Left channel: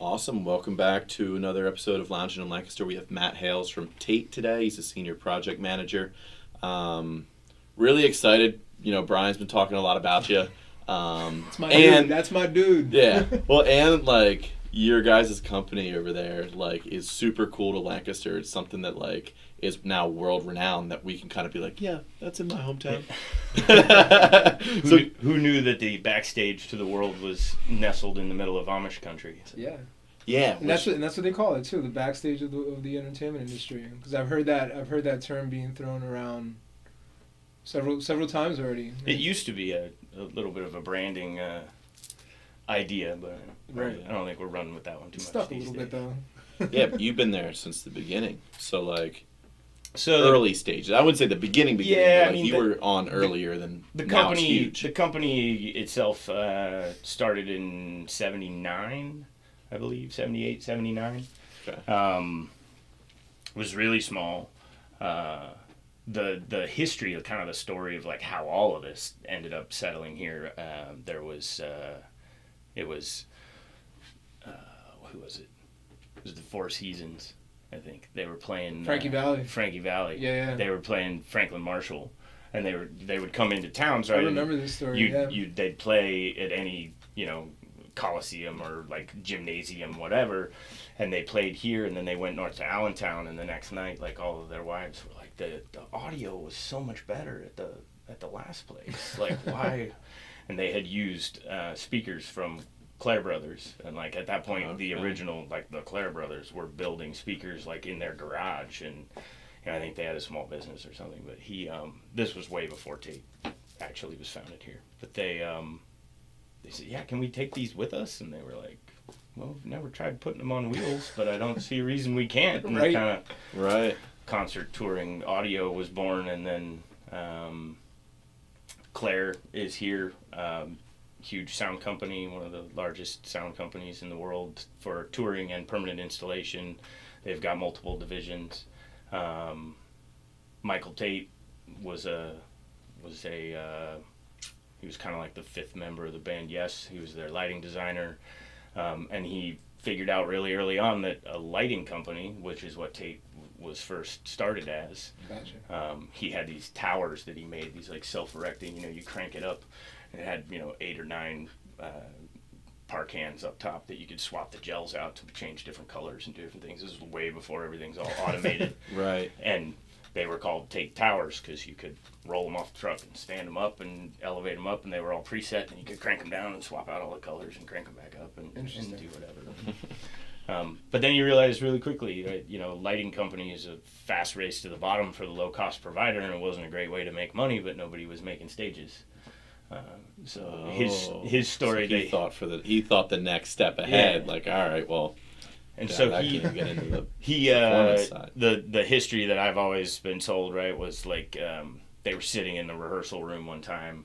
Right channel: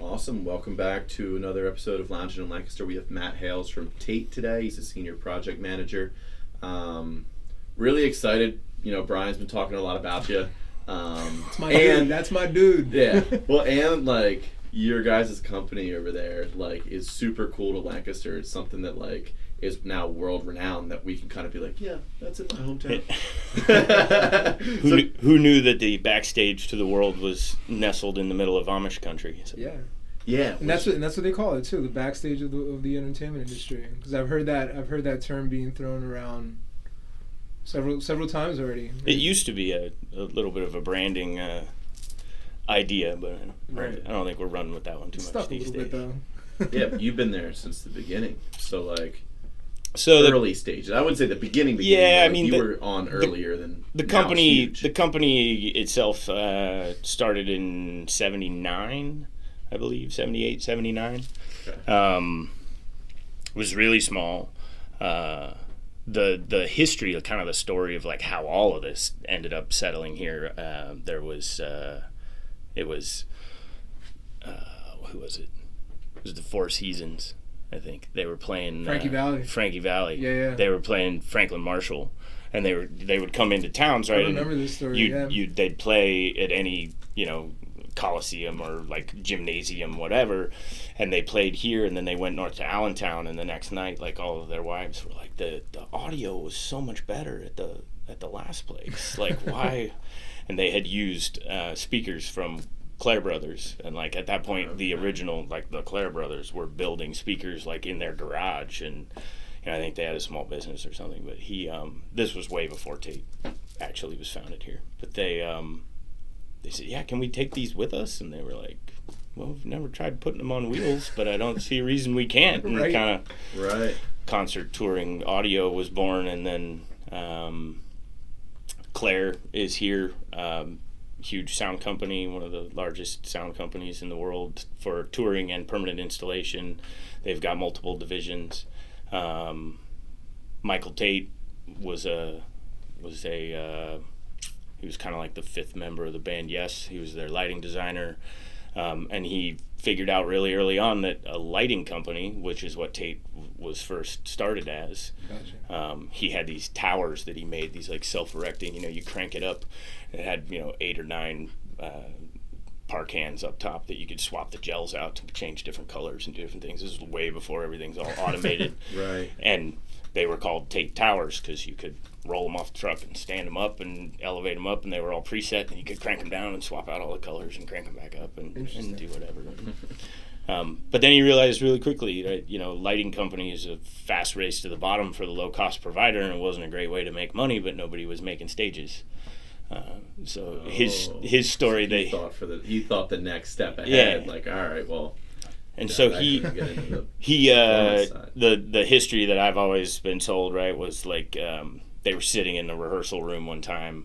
Awesome. Welcome back to another episode of Lounging in Lancaster. We have Matt Hales from Tait today. He's a senior project manager. Really excited. You know, Brian's been talking a lot about you. That's my dude. That's my dude. Yeah. Well, and like your guys' company over there, like, is super cool to Lancaster. It's something that like is now world renowned that we can kind of be like, yeah, that's in my hometown. Who knew that the backstage to the world was nestled in the middle of Amish country? So. Yeah. Yeah, and that's what they call it too, the backstage of the entertainment industry. Because I've heard that term being thrown around several times already. It used to be a little bit of a branding idea, but I don't think we're running with that one too much these days. Yeah, but you've been there since the beginning, so like. So early stages. I would say the beginning. Yeah, like, I mean, you were on earlier than the now company. It's huge. The company itself started in '79, I believe, 78, 79. Okay. Was really small. The history, kind of the story of like how all of this ended up settling here. There was who was it? It was the Four Seasons. I think they were playing Frankie Valli. Yeah. They were playing Franklin Marshall, and they would come into towns, right? I remember this story. They'd play at any coliseum or like gymnasium, whatever, and they played here, and then they went north to Allentown, and the next night, like all of their wives were like, the audio was so much better at the last place. Like why? And they had used speakers from Clare Brothers, and like at that point the original, like the Clare Brothers were building speakers like in their garage, and I think they had a small business or something, but he this was way before Tait actually was founded here, but they said, yeah, can we take these with us? And they were like, well, we've never tried putting them on wheels, but I don't see a reason we can't. And kind of concert touring audio was born, and then Clare is here. Huge sound company, one of the largest sound companies in the world for touring and permanent installation. They've got multiple divisions. Michael Tait was he was kind of like the fifth member of the band. Yes, he was their lighting designer, and he figured out really early on that a lighting company, which is what Tait was first started as. Gotcha. He had these towers that he made, these like self-erecting. You crank it up. It had 8 or 9 par cans up top that you could swap the gels out to change different colors and do different things. This was way before everything's all automated. Right. And they were called Tait Towers because you could roll them off the truck and stand them up and elevate them up, and they were all preset, and you could crank them down and swap out all the colors and crank them back up and do whatever. But then you realize really quickly, right, lighting company is a fast race to the bottom for the low-cost provider, and it wasn't a great way to make money, but nobody was making stages. His story, he thought the next step ahead, like, all right, well. And so the history that I've always been told, right, was like they were sitting in the rehearsal room one time,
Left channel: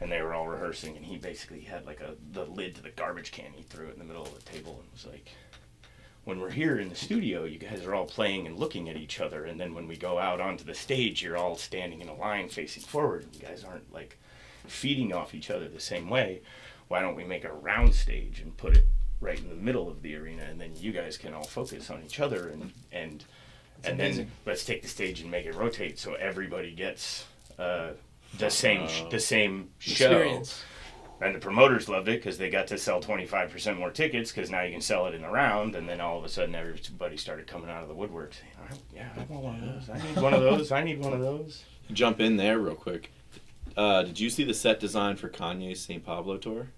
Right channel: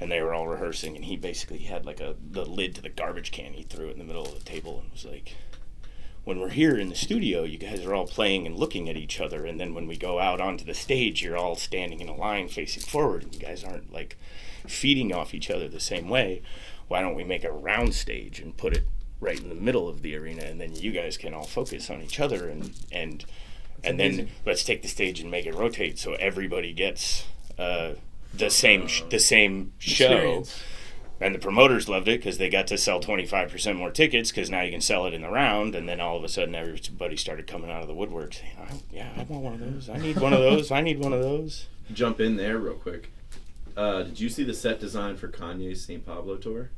and they were all rehearsing, and he basically had like the lid to the garbage can. He threw it in the middle of the table and was like, when we're here in the studio, you guys are all playing and looking at each other, and then when we go out onto the stage, you're all standing in a line facing forward, and you guys aren't like feeding off each other the same way. Why don't we make a round stage and put it right in the middle of the arena, and then you guys can all focus on each other, and then let's take the stage and make it rotate so everybody gets the same show. And the promoters loved it because they got to sell 25% more tickets because now you can sell it in the round, and then all of a sudden everybody started coming out of the woodwork saying, I want one of those. I need one of those. I need one of those. Jump in there real quick. Did you see the set design for Kanye's St. Pablo tour?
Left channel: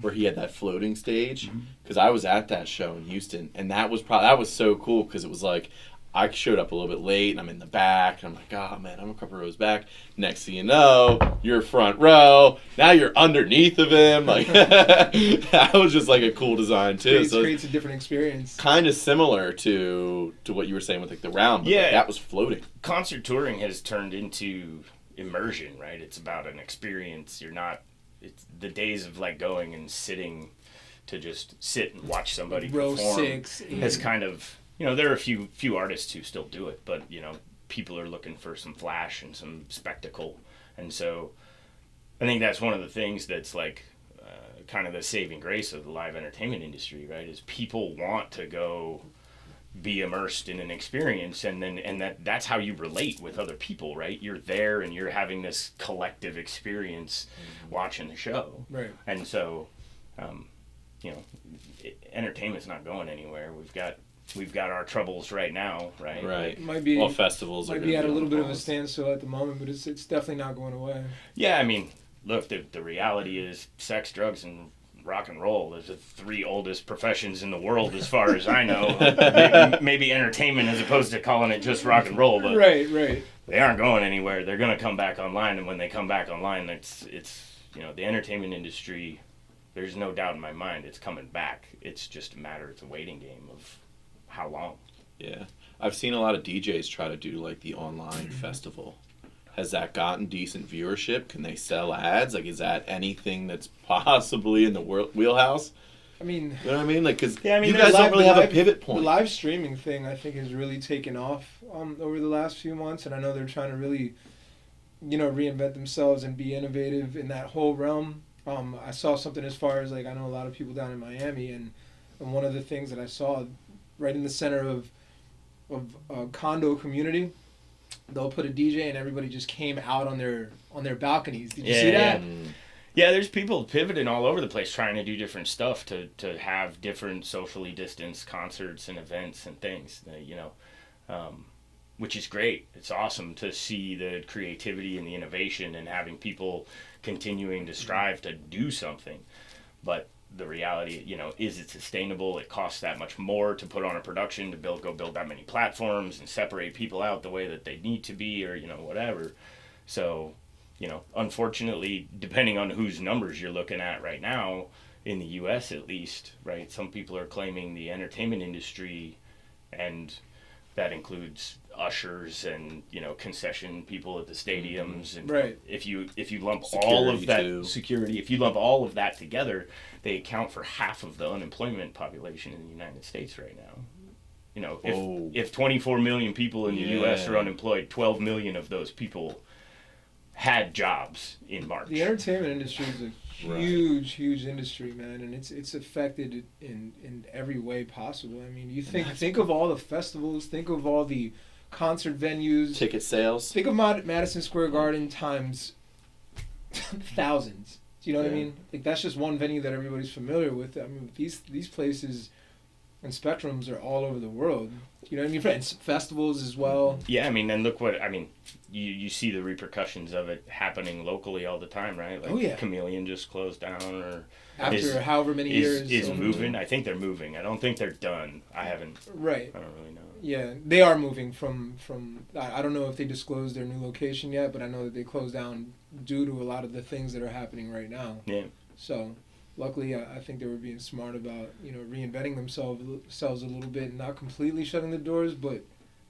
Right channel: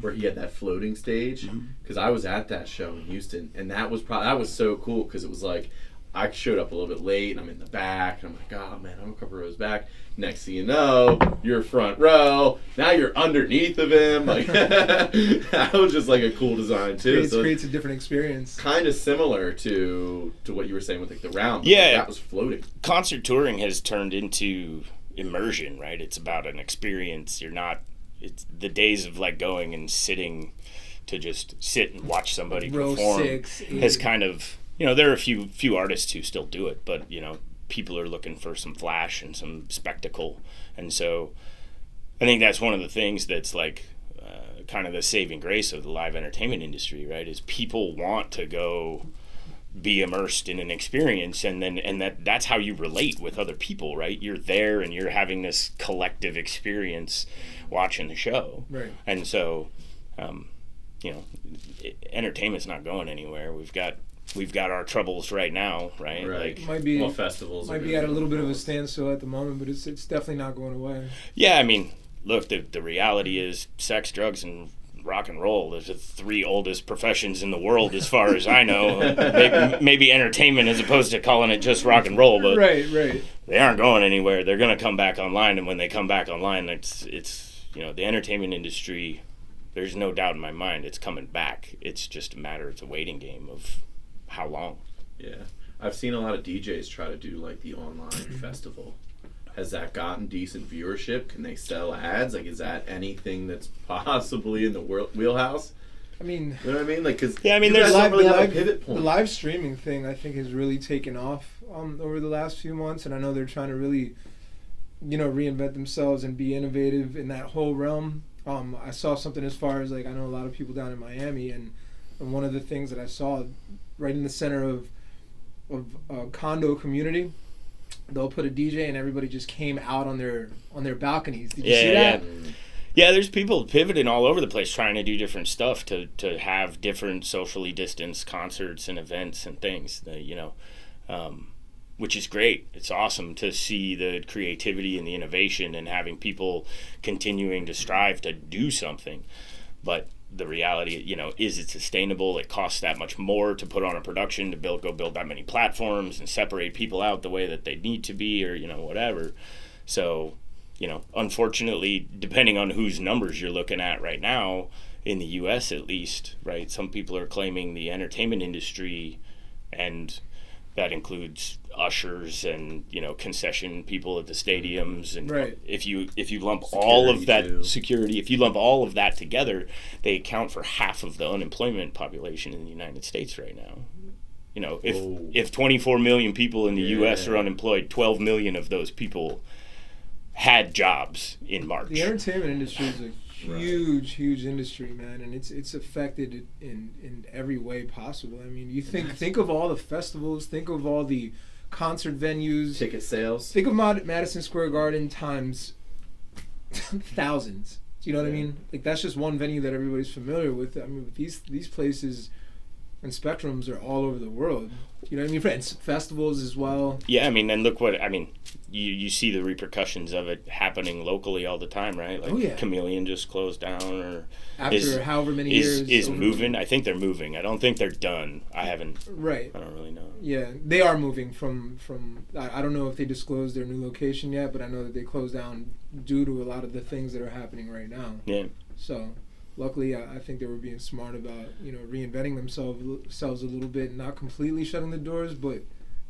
Where he had that floating stage? Because I was at that show in Houston, and that was so cool because it was like, I showed up a little bit late, and I'm in the back, and I'm like, oh man, I'm a couple rows back. Next thing you know, you're front row. Now you're underneath of him. Like that was just like a cool design too. It creates a different experience. Kind of similar to what you were saying with like the round. Yeah, like, that was floating. Concert touring has turned into immersion, right? It's about an experience. It's the days of like going and sitting to just sit and watch somebody perform has kind of, there are a few artists who still do it, but people are looking for some flash and some spectacle, and so I think that's one of the things that's like kind of the saving grace of the live entertainment industry, right? Is people want to go be immersed in an experience, and that's how you relate with other people, right? You're there and you're having this collective experience watching the show, Right. And so entertainment's not going anywhere. We've got our troubles right now, right? Right. Might be festivals might be at a little bit of a standstill at the moment, but it's definitely not going away. Yeah, I mean, look, the reality is sex, drugs, and rock and roll. Those are the 3 oldest professions in the world, as far as I know. maybe entertainment, as opposed to calling it just rock and roll, but Right. they aren't going anywhere. They're going to come back online, and when they come back online, it's the entertainment industry. There's no doubt in my mind it's coming back. It's just a matter. It's a waiting game of how long. Yeah, I've seen a lot of DJs try to do like the online festival. Has that gotten decent viewership? Can they sell ads? Like, is that anything that's possibly in the wheelhouse? I mean, You know what I mean? Like, because Yeah, I mean, you there's guys don't really have a live- pivot point. The live streaming thing, I think, has really taken off over the last few months, and I know they're trying to really, reinvent themselves and be innovative in that whole realm. I saw something as far as, like, I know a lot of people down in Miami, and one of the things that I saw right in the center of a condo community, they'll put a DJ and everybody just came out on their balconies. Did you see that? Yeah, there's people pivoting all over the place trying to do different stuff to have different socially distanced concerts and events and things that, which is great. It's awesome to see the creativity and the innovation and having people continuing to strive to do something. But the reality, is it sustainable? It costs that much more to put on a production, to go build that many platforms and separate people out the way that they need to be, or, whatever. So, unfortunately, depending on whose numbers you're looking at right now, in the U.S. at least, right, some people are claiming the entertainment industry, and that includes ushers and concession people at the stadiums, and Right. if you lump all of that too. security, if you lump all of that together, they account for half of the unemployment population in the United States right now. If 24 million people in the U.S. are unemployed, 12 million of those people had jobs in March. The entertainment industry is a huge industry, man, and it's affected in every way possible. I mean, you think of all the festivals, think of all the concert venues, Ticket sales. think of Madison Square Garden times thousands. Do you know what I mean? Like, that's just one venue that everybody's familiar with. I mean, these places and spectrums are all over the world. You know what I mean? And festivals as well. Yeah, I mean, and look what, I mean, you see the repercussions of it happening locally all the time, right? Like, Chameleon just closed down, or after however many years. Is moving. I think they're moving. I don't think they're done. I don't really know. Yeah, they are moving from I don't know if they disclosed their new location yet, but I know that they closed down due to a lot of the things that are happening right now. Yeah. So, luckily, I think they were being smart about, reinventing themselves a little bit, not completely shutting the doors, but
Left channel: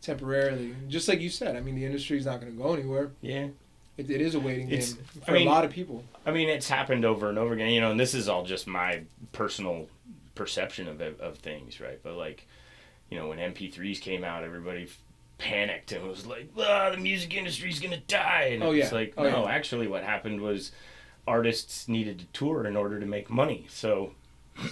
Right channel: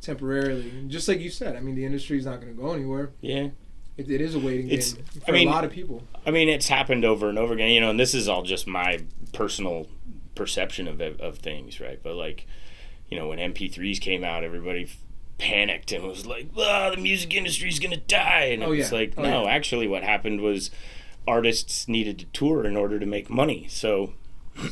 temporarily. And just like you said, I mean, the industry's not going to go anywhere. Yeah. It is a waiting game for a lot of people. I mean, it's happened over and over again, and this is all just my personal perception of things, right? But, like, when MP3s came out, everybody panicked and was like, the music industry's going to die. And no, actually what happened was artists needed to tour in order to make money. So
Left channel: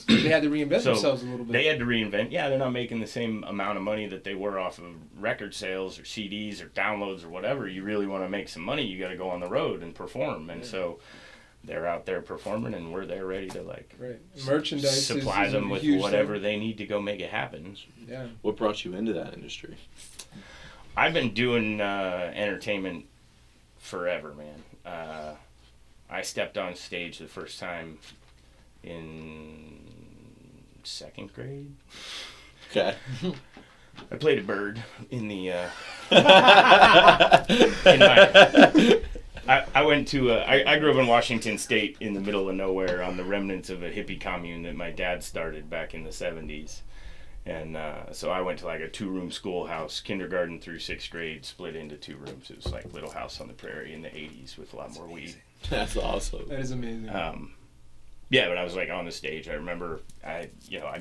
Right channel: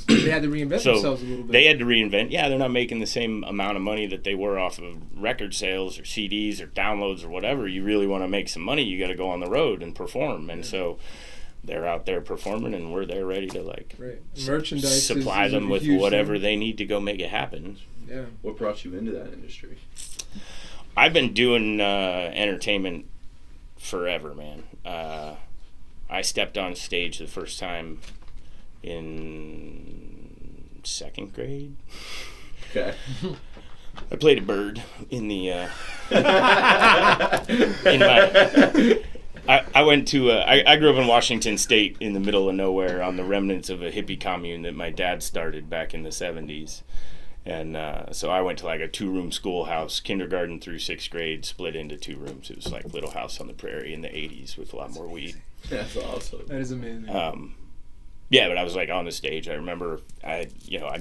they had to reinvent themselves a little bit. They had to reinvent. Yeah, they're not making the same amount of money that they were off of record sales or CDs or downloads or whatever. You really want to make some money, you got to go on the road and perform. And so they're out there performing, and we're there ready to merchandise supply them with whatever they need to go make it happen. Yeah. What brought you into that industry? I've been doing entertainment forever, man. I stepped on stage the first time in 2nd grade. Okay. I played a bird in the I went to I grew up in Washington State, in the middle of nowhere, on the remnants of a hippie commune that my dad started back in the 70s. And so I went to like a 2-room schoolhouse, kindergarten through 6th grade, split into 2 rooms. It was like Little House on the Prairie in the 80s with a lot more weed. That's awesome. That is amazing. Yeah, but I was like on the stage. I remember I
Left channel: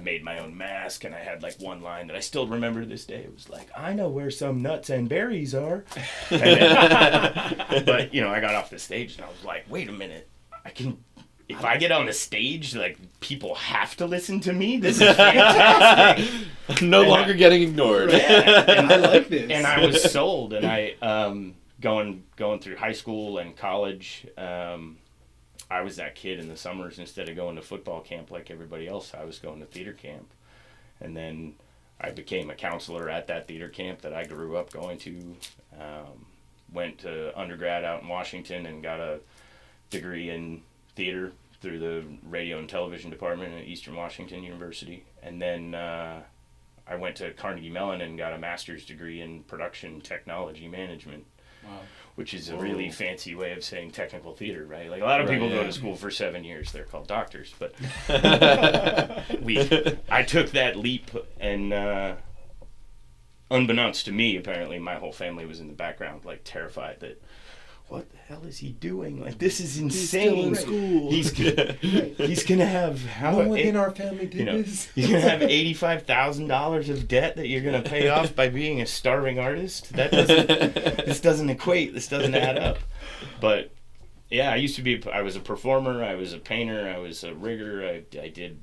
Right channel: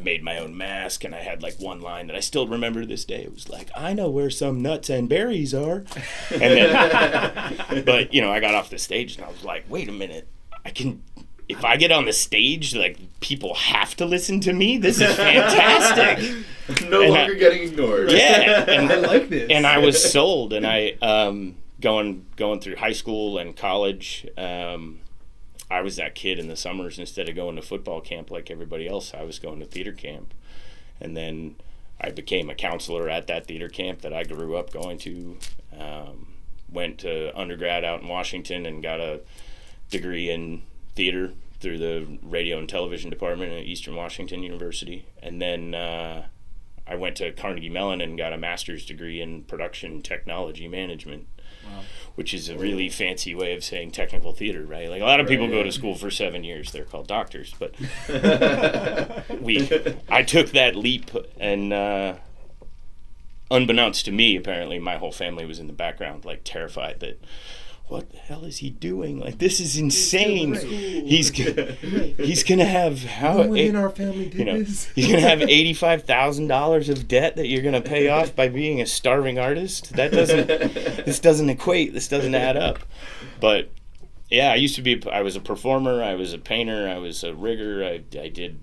made my own mask, and I had like one line that I still remember to this day. It was like, I know where some nuts and berries are. And then, but I got off the stage and I was like, wait a minute, I can if I get on the stage, like, people have to listen to me. This is fantastic. No longer getting ignored. Yeah, and I like this. And I was sold, and I going through high school and college. I was that kid in the summers. Instead of going to football camp like everybody else, I was going to theater camp. And then I became a counselor at that theater camp that I grew up going to. Went to undergrad out in Washington and got a degree in theater through the radio and television department at Eastern Washington University. And then I went to Carnegie Mellon and got a master's degree in production technology management. Wow. Which is a really fancy way of saying technical theater, right? Like, a lot of people go to school for 7 years. They're called doctors. But I took that leap, and unbeknownst to me, apparently, my whole family was in the background, like, terrified that, what the hell is he doing? Like, this is insane. He's gonna have no one in our family did this. He's gonna have $85,000 of debt that you're gonna pay off by being a starving artist. This doesn't equate. This doesn't add up. But yeah, I was a performer. I was a painter. I was a rigger. In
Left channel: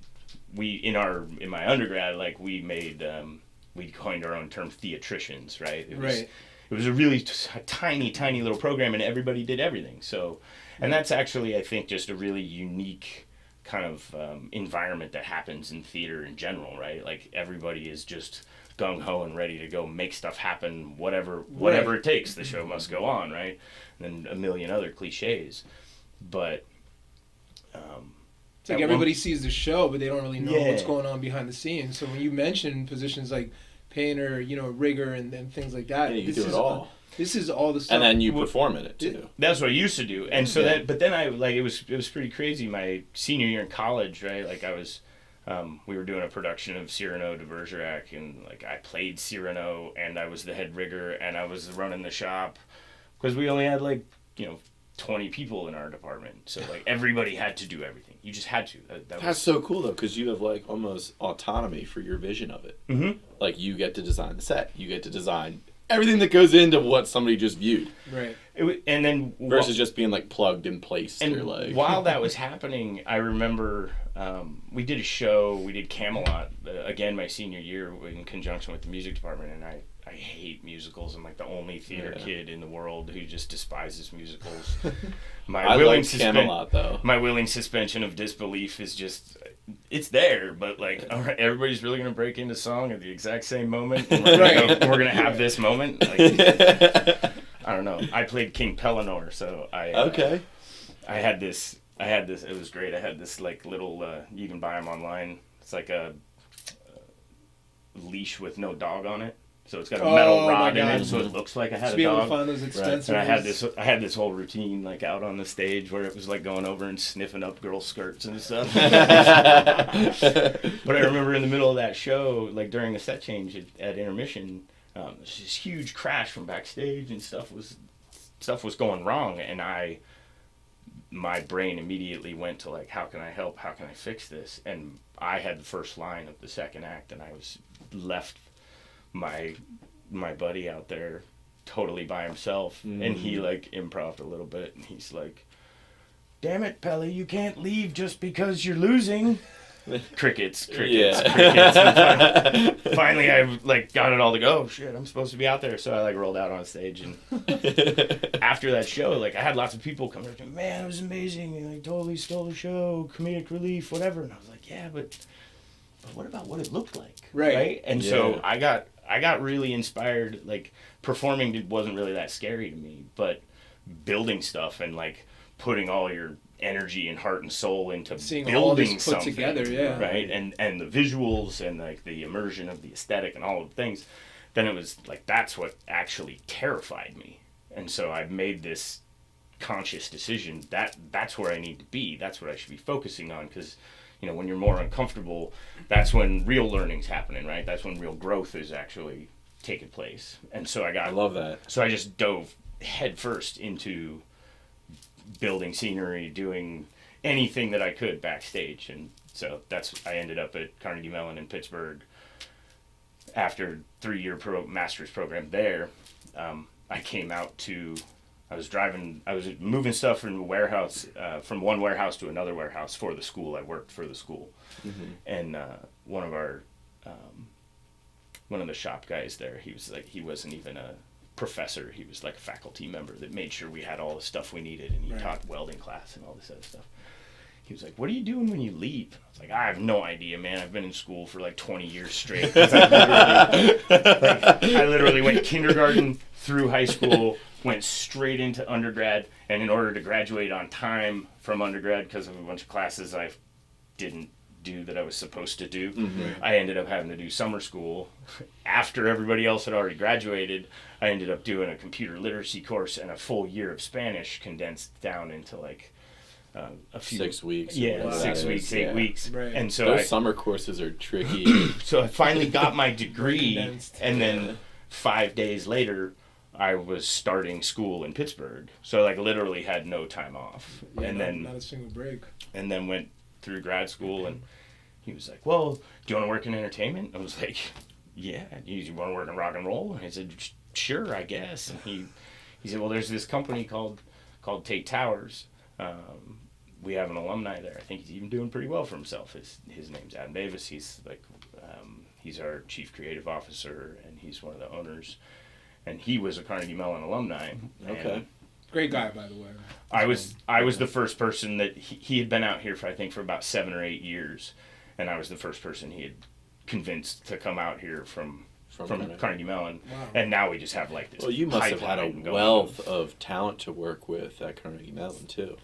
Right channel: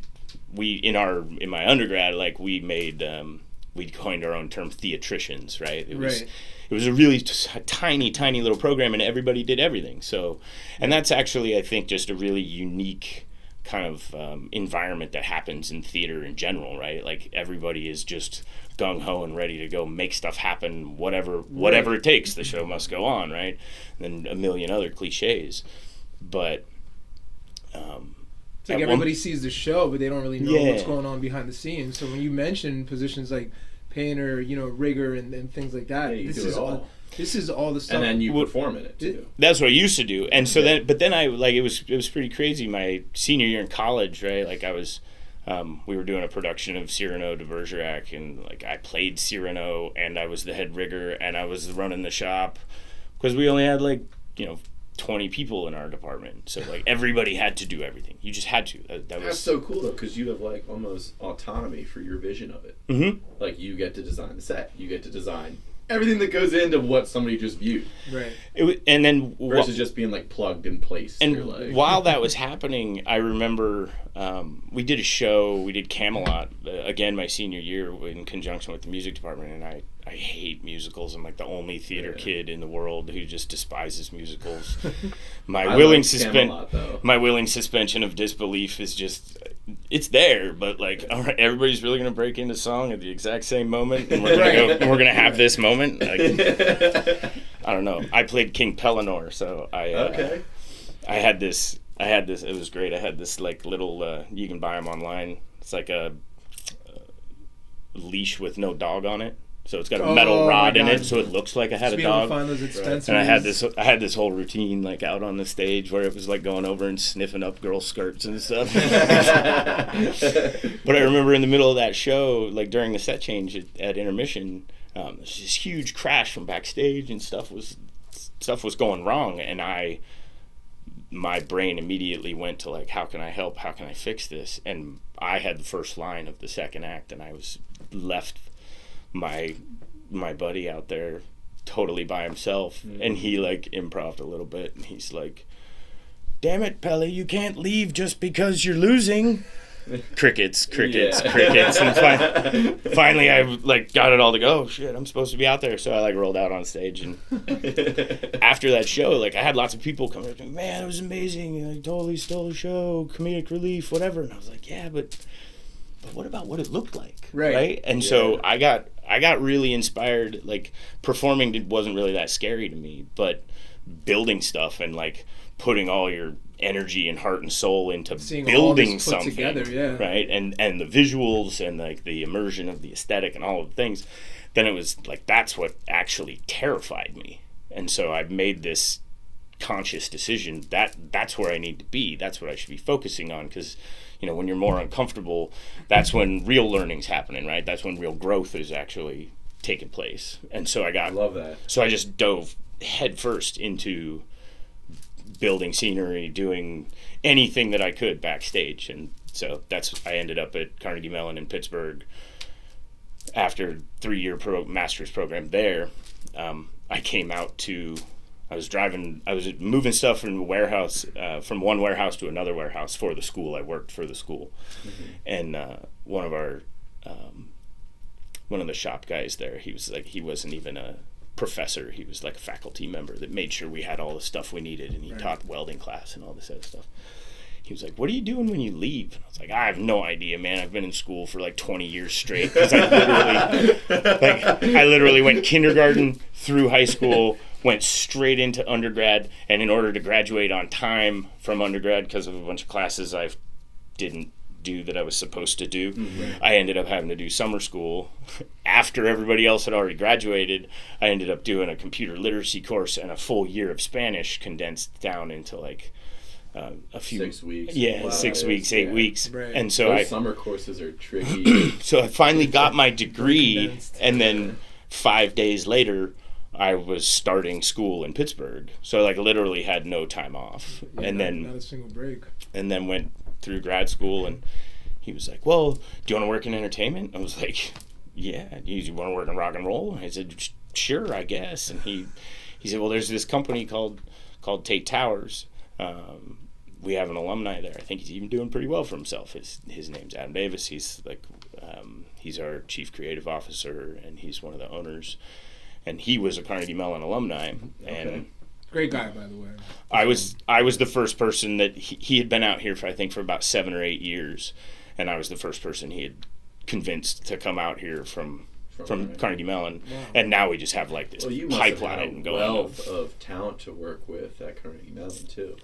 my undergrad, like, we coined our own term, theatricians, right? It was a really tiny little program, and everybody did everything. So, and that's actually, I think, just a really unique kind of environment that happens in theater in general, right? Like, everybody is just gung-ho and ready to go make stuff happen, whatever it takes. The show must go on, right? And a million other cliches. But it's like everybody sees the show, but they don't really know what's going on behind the scenes. So when you mention positions like painter, rigger, and things like that. Yeah, you do it all. This is all the stuff. And then you perform in it too. That's what I used to do. And so then I, like, it was pretty crazy. My senior year in college, right? Like, I was, we were doing a production of Cyrano de Bergerac, and, like, I played Cyrano, and I was the head rigger, and I was running the shop, because we only had, like, 20 people in our department, so, like, everybody had to do everything. You just had to. That's so cool, though, because you have, like, almost autonomy for your vision of it. Mm-hmm. Like, you get to design the set, you get to design everything that goes into what somebody just viewed, right? And then versus just being, like, plugged in place. And like, while that was happening, I remember we did a show. We did Camelot again my senior year in conjunction with the music department, and I hate musicals. I'm, like, the only theater kid in the world who just despises musicals. My willing suspension of disbelief is just, it's there, but, like, all right, everybody's really gonna break into song at the exact same moment, and we're gonna have this moment. Like, I don't know. I played King Pellinor, so I had this. It was great. I had this, like, little. You can buy them online. It's like a leash with no dog on it. So it's got a metal rod in it, so it looks like I had a dog. And I had this whole routine, like, out on the stage where it was, like, going over and sniffing up girls' skirts and stuff. But I remember in the middle of that show, like, during the set change at intermission, there's this huge crash from backstage, and stuff was going wrong, and my brain immediately went to, like, how can I help? How can I fix this? And I had the first line of the second act, and I was left my buddy out there totally by himself, and he, like, improv'd a little bit, and he's like, "Damn it, Pelly, you can't leave just because you're losing." Crickets. And finally I, like, got it all to go. Shit, I'm supposed to be out there. So I, like, rolled out on stage, and after that show, like, I had lots of people come up to me, "Man, it was amazing. You, like, totally stole the show, comedic relief, whatever." And I was like, yeah, but what about what it looked like? Right? And so I got really inspired. Like, performing wasn't really that scary to me, but building stuff and, like, putting all your energy and heart and soul into building something together, right? And the visuals and, like, the immersion of the aesthetic and all of the things, then it was like, that's what actually terrified me. And so I made this conscious decision that's where I need to be. That's what I should be focusing on, because, when you're more uncomfortable, that's when real learning's happening, right? That's when real growth is actually taking place. And so I love that. So I just dove headfirst into building scenery, doing anything that I could backstage. And so I ended up at Carnegie Mellon in Pittsburgh after 3-year master's program there. I came out to I was moving stuff from the warehouse, from one warehouse to another warehouse for the school. I worked for the school, and one of the shop guys there, he wasn't even a professor. He was like a faculty member that made sure we had all the stuff we needed, and he taught welding class and all this other stuff. He was like, "What are you doing when you leave?" And I was like, "I have no idea, man. I've been in school for like 20 years straight." Because I literally went kindergarten through high school, went straight into undergrad, and in order to graduate on time from undergrad, because of a bunch of classes I didn't do that I was supposed to do, I ended up having to do summer school. After everybody else had already graduated, I ended up doing a computer literacy course and a full year of Spanish condensed down into like a few 6 weeks. Yeah, Wow. 6 weeks, 8 weeks. Right. And so Those summer courses are tricky. so I finally got my degree, and then 5 days later I was starting school in Pittsburgh. So like literally had no time off. And then not a single break. and then went through grad school, and he was like, "Well, do you want to work in entertainment?" I was like, "Yeah." "You want to work in rock and roll?" I said, "Sure, I guess." And he said, "Well, there's this company called Tait Towers. We have an alumni there. I think he's even doing pretty well for himself. His name's Adam Davis. He's like he's our chief creative officer, and he's one of the owners. And he was a Carnegie Mellon alumni." And Great guy, by the way. I was the first person that he had been out here for about 7 or 8 years, and I was the first person he had convinced to come out here from Carnegie Mellon. Wow. And now we just have like this You must have had pipeline a going. wealth of talent to work with at Carnegie Mellon too.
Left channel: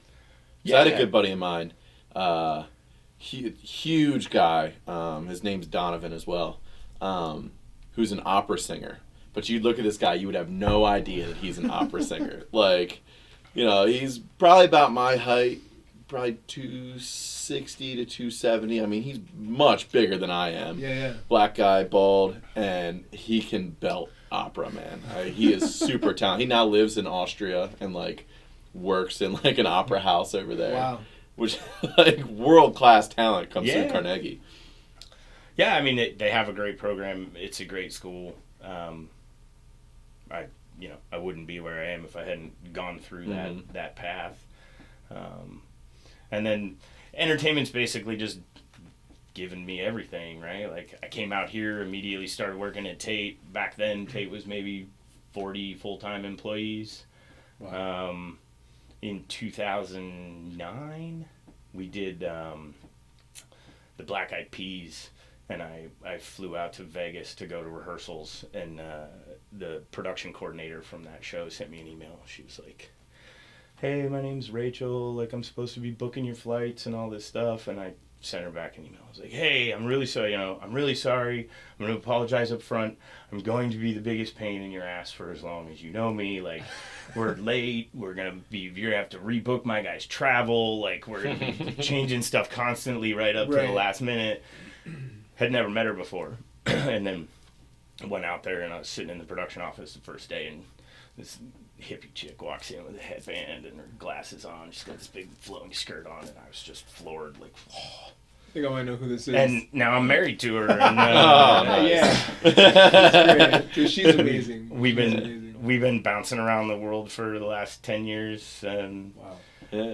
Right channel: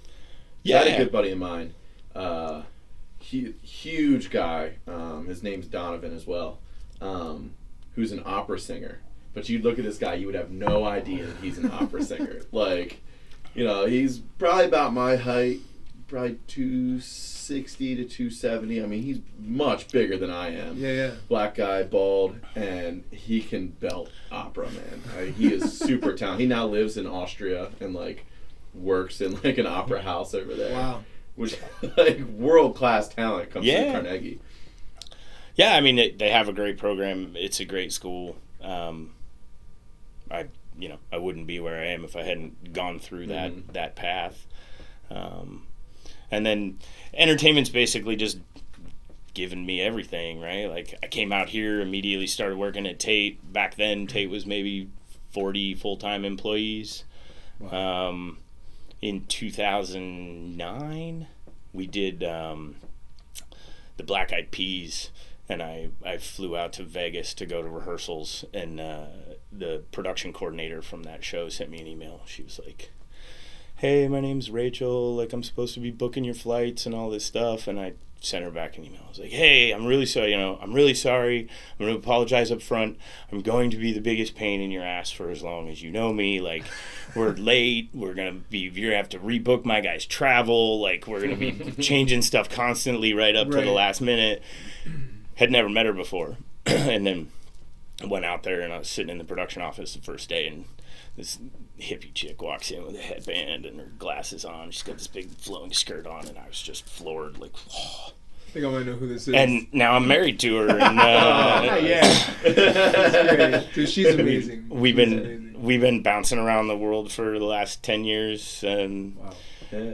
Yeah, I had a good buddy of mine, huge guy. His name's Donovan as well, who's an opera singer. But you'd look at this guy, you would have no idea that he's an opera singer. Like, he's probably about my height, probably 260 to 270. I mean, he's much bigger than I am. Yeah. Black guy, bald, and he can belt opera, man. He is super talented. He now lives in Austria and like works in like an opera house over there. Wow. Which like world class talent comes through Carnegie. Yeah, I mean they have a great program. It's a great school. I wouldn't be where I am if I hadn't gone through that path. And then entertainment's basically just given me everything, right? Like I came out here, immediately started working at Tait. Back then, Tait was maybe 40 full-time employees. Wow. In 2009, we did the Black Eyed Peas, and I flew out to Vegas to go to rehearsals, and the production coordinator from that show sent me an email. She was like, "Hey, my name's Rachel, like I'm supposed to be booking your flights and all this stuff," and I sent her back an email. I was like, "Hey, I'm really sorry, I'm really sorry. I'm going to apologize up front. I'm going to be the biggest pain in your ass for as long as you know me. Like, we're late. You're going to have to rebook my guy's travel. Like, we're going to be changing stuff constantly right up to the last minute." Had never met her before. And then I went out there, and I was sitting in the production office the first day, and this hippie chick walks in with a headband and her glasses on. She's got this big flowing skirt on, and I was just floored, like, oh. I think I might know who this is. And now I'm married to her. And, yeah. She's amazing. We've been bouncing around the world for the last 10 years, and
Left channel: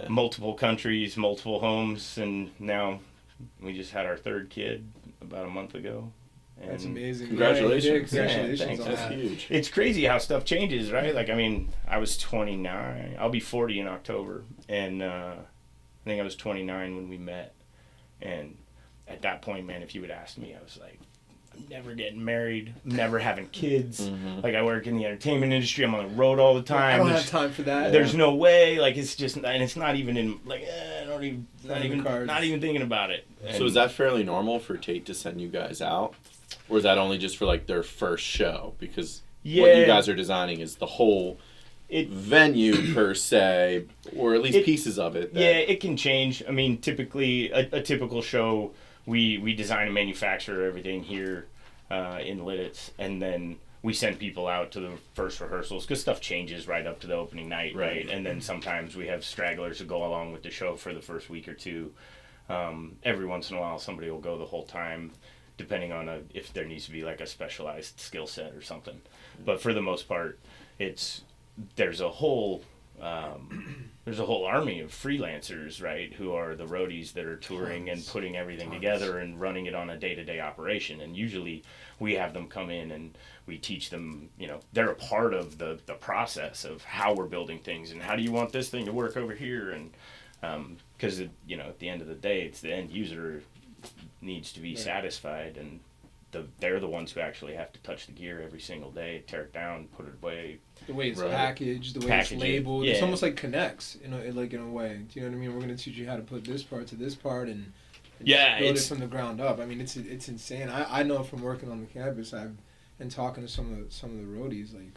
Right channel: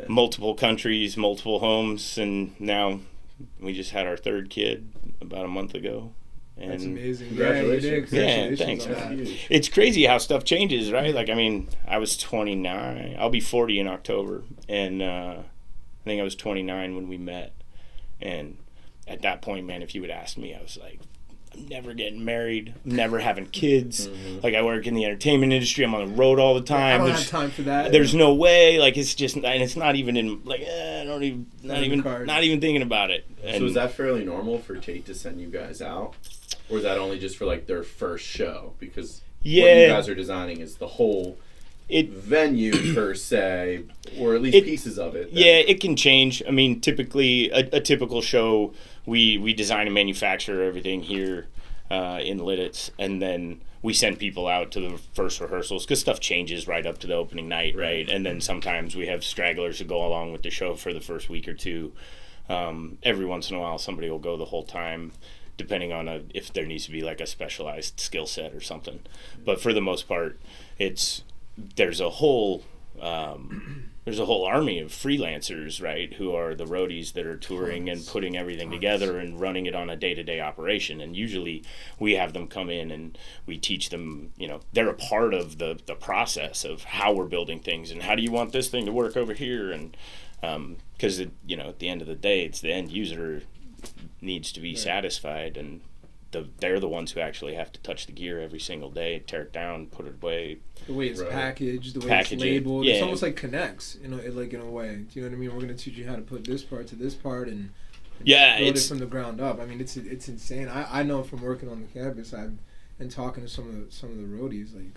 multiple countries, multiple homes, and now we just had our third kid about a month ago. And that's amazing. Congratulations. Yeah, thanks. It's crazy how stuff changes, right? Like, I mean, I was 29. I'll be 40 in October. And I think I was 29 when we met. And at that point, man, if you would ask me, I was like, I'm never getting married. I'm never having kids. Mm-hmm. Like, I work in the entertainment industry. I'm on the road all the time. I don't have time for that. There's no way. Like, it's just, and it's not even in, like, not even thinking about it. So is that fairly normal for Tait to send you guys out? Or is that only just for, like, their first show? Because what you guys are designing is the whole venue, per se, or at least pieces of it. Yeah, it can change. I mean, typically, a typical show, we design and manufacture everything here in Lititz, and then we send people out to the first rehearsals, because stuff changes right up to the opening night, right? And then sometimes we have stragglers who go along with the show for the first week or two. Every once in a while, somebody will go the whole time, depending on if there needs to be like a specialized skill set or something. But for the most part, there's a whole there's a whole army of freelancers, right, who are the roadies that are touring and putting everything together and running it on a day-to-day operation. And usually we have them come in and we teach them, they're a part of the process of how we're building things and how do you want this thing to work over here. And because, at the end of the day, it's the end user needs to be satisfied, and they're the ones who actually have to touch the gear every single day, tear it down, put it away. The way it's packaged, the way Package it's it. labeled, Yeah. it's almost like connects, in a way. Do you know what I mean? We're going to teach you how to put this part to this part and build it from the ground up. I mean, it's insane. I know from working on the campus, I've been talking to some of the roadies, like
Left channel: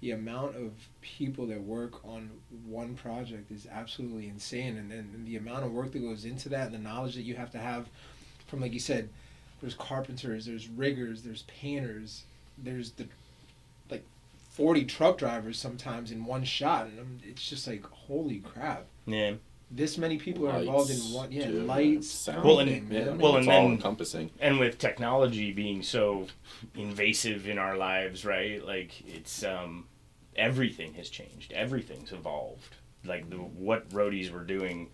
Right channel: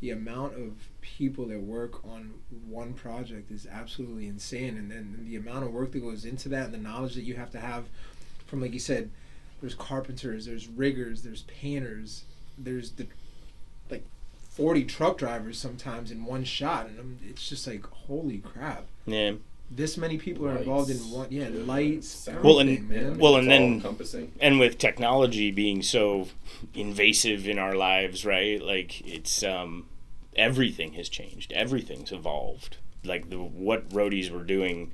the amount of people that work on one project is absolutely insane, and the amount of work that goes into that and the knowledge that you have to have from, like you said, there's carpenters, there's riggers, there's painters, there's 40 truck drivers sometimes in one shot, and it's just like, holy crap. Yeah. This many people are involved in one. Yeah, too, lights. sound. Everything, Well, it's and all then encompassing. and with technology being so invasive in our lives, right? Like it's everything has changed. Everything's evolved. Like what roadies were doing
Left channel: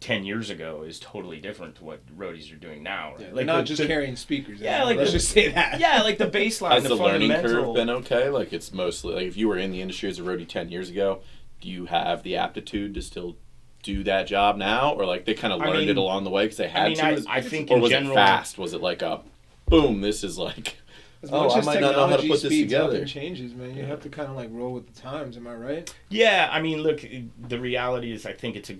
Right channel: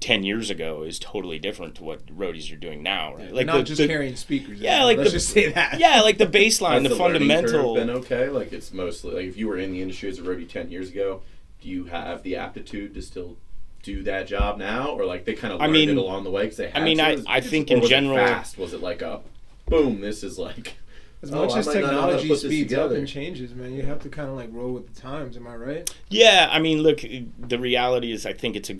10 years ago is totally different to what roadies are doing now, right? Like not just carrying speakers. Yeah, let's just say that. Yeah, like the baseline, Has the fundamental. Been okay? Like it's mostly like if you were in the industry as a roadie 10 years ago, do you have the aptitude to still do that job now, or like they kind of learned it along the way because they had to? I think or in was general, it fast? Was it like a boom? This is like. As much as I might not know how to technology put this speeds up together. and changes, man, you have to kind of like roll with the times. Am I right? Yeah, I mean, look, the reality is I think it's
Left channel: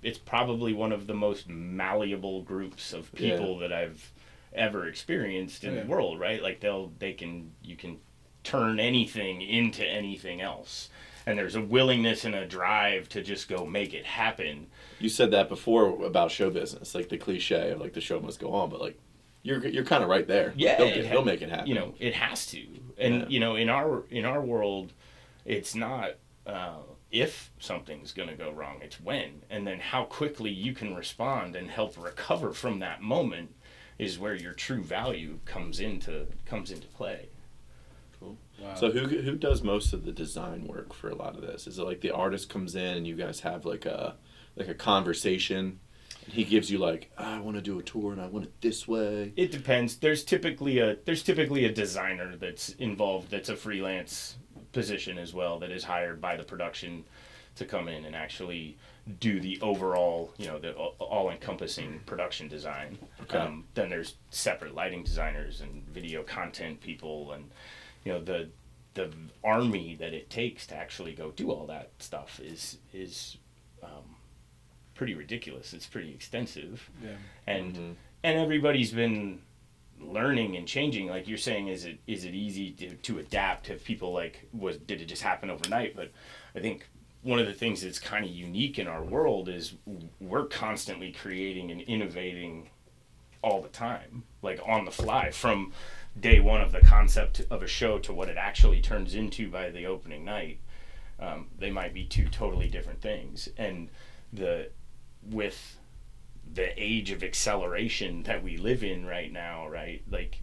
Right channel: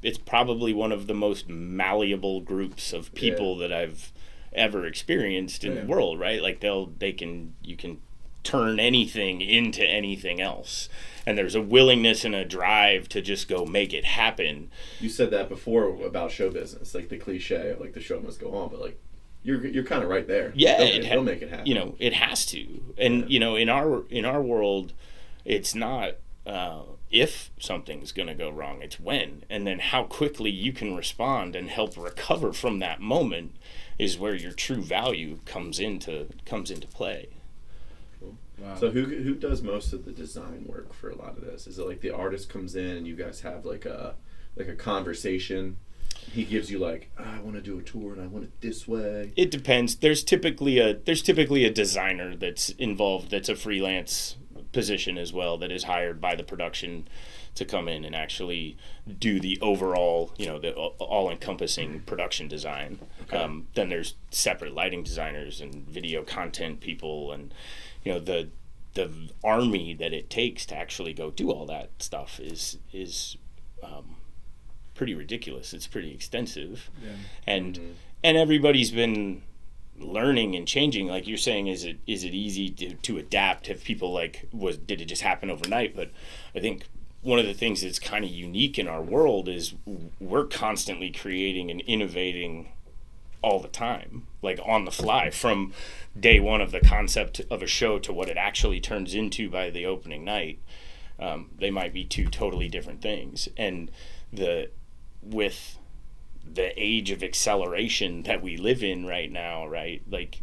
it's probably one of the most malleable groups of people that I've ever experienced in the world, right? Like you can turn anything into anything else. And there's a willingness and a drive to just go make it happen. You said that before about show business, like the cliche of like the show must go on, but like you're kind of right there. Yeah, it'll make it happen. It has to. And in our world, it's not if something's going to go wrong, it's when. And then how quickly you can respond and help recover from that moment is where your true value comes into play. Wow. So who does most of the design work for a lot of this? Is it like the artist comes in and you guys have like a conversation? He gives you like, I want to do a tour and I want it this way. It depends. There's typically a designer that's involved, that's a freelance position as well, that is hired by the production to come in and actually do the overall, the all-encompassing production design. Okay. Then there's separate lighting designers and video content people, and the army that it takes to actually go do all that stuff is pretty ridiculous. It's pretty extensive. Yeah. And everybody's been learning and changing. Like you're saying, is it easy to adapt? Have people did it just happen overnight? But I think one of the things that's kind of unique in our world is we're constantly creating and innovating all the time, like on the fly, from day one of the concept of a show to what it actually turns into by the opening night. They might be two totally different things. And with the age of acceleration that we live in right now, right? Like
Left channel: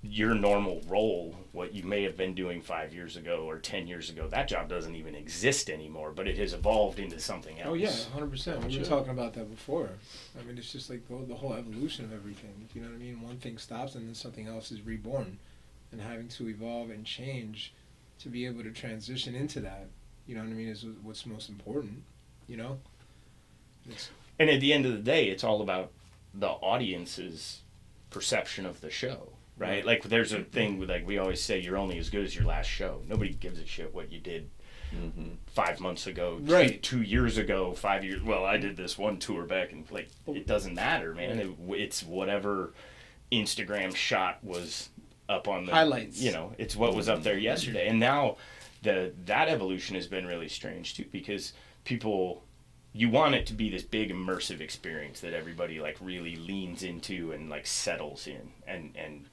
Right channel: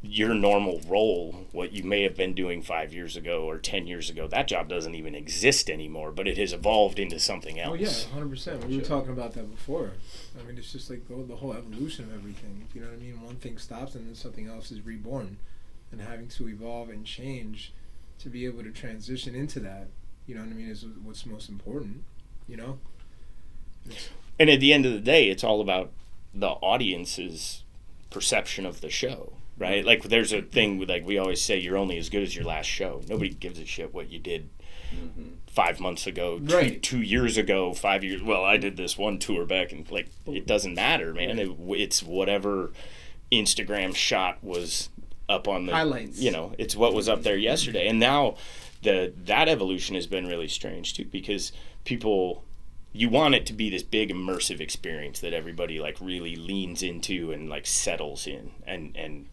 your normal role, what you may have been doing 5 years ago or 10 years ago, that job doesn't even exist anymore, but it has evolved into something else. Oh yeah, 100%. We were talking about that before. I mean, it's just like the whole evolution of everything. You know what I mean? One thing stops and then something else is reborn, and having to evolve and change to be able to transition into that. You know what I mean? Is what's most important. And at the end of the day, it's all about the audience's perception of the show, right? Like there's a thing with, like we always say, you're only as good as your last show. Nobody gives a shit what you did 5 months ago, right. 2 years ago, 5 years. Well, I did this one tour back, and it doesn't matter, man. It's whatever Instagram shot was up on the highlights. It's what was up there yesterday. And now that evolution has been really strange too, because you want it to be this big immersive experience that everybody really leans into and settles in, and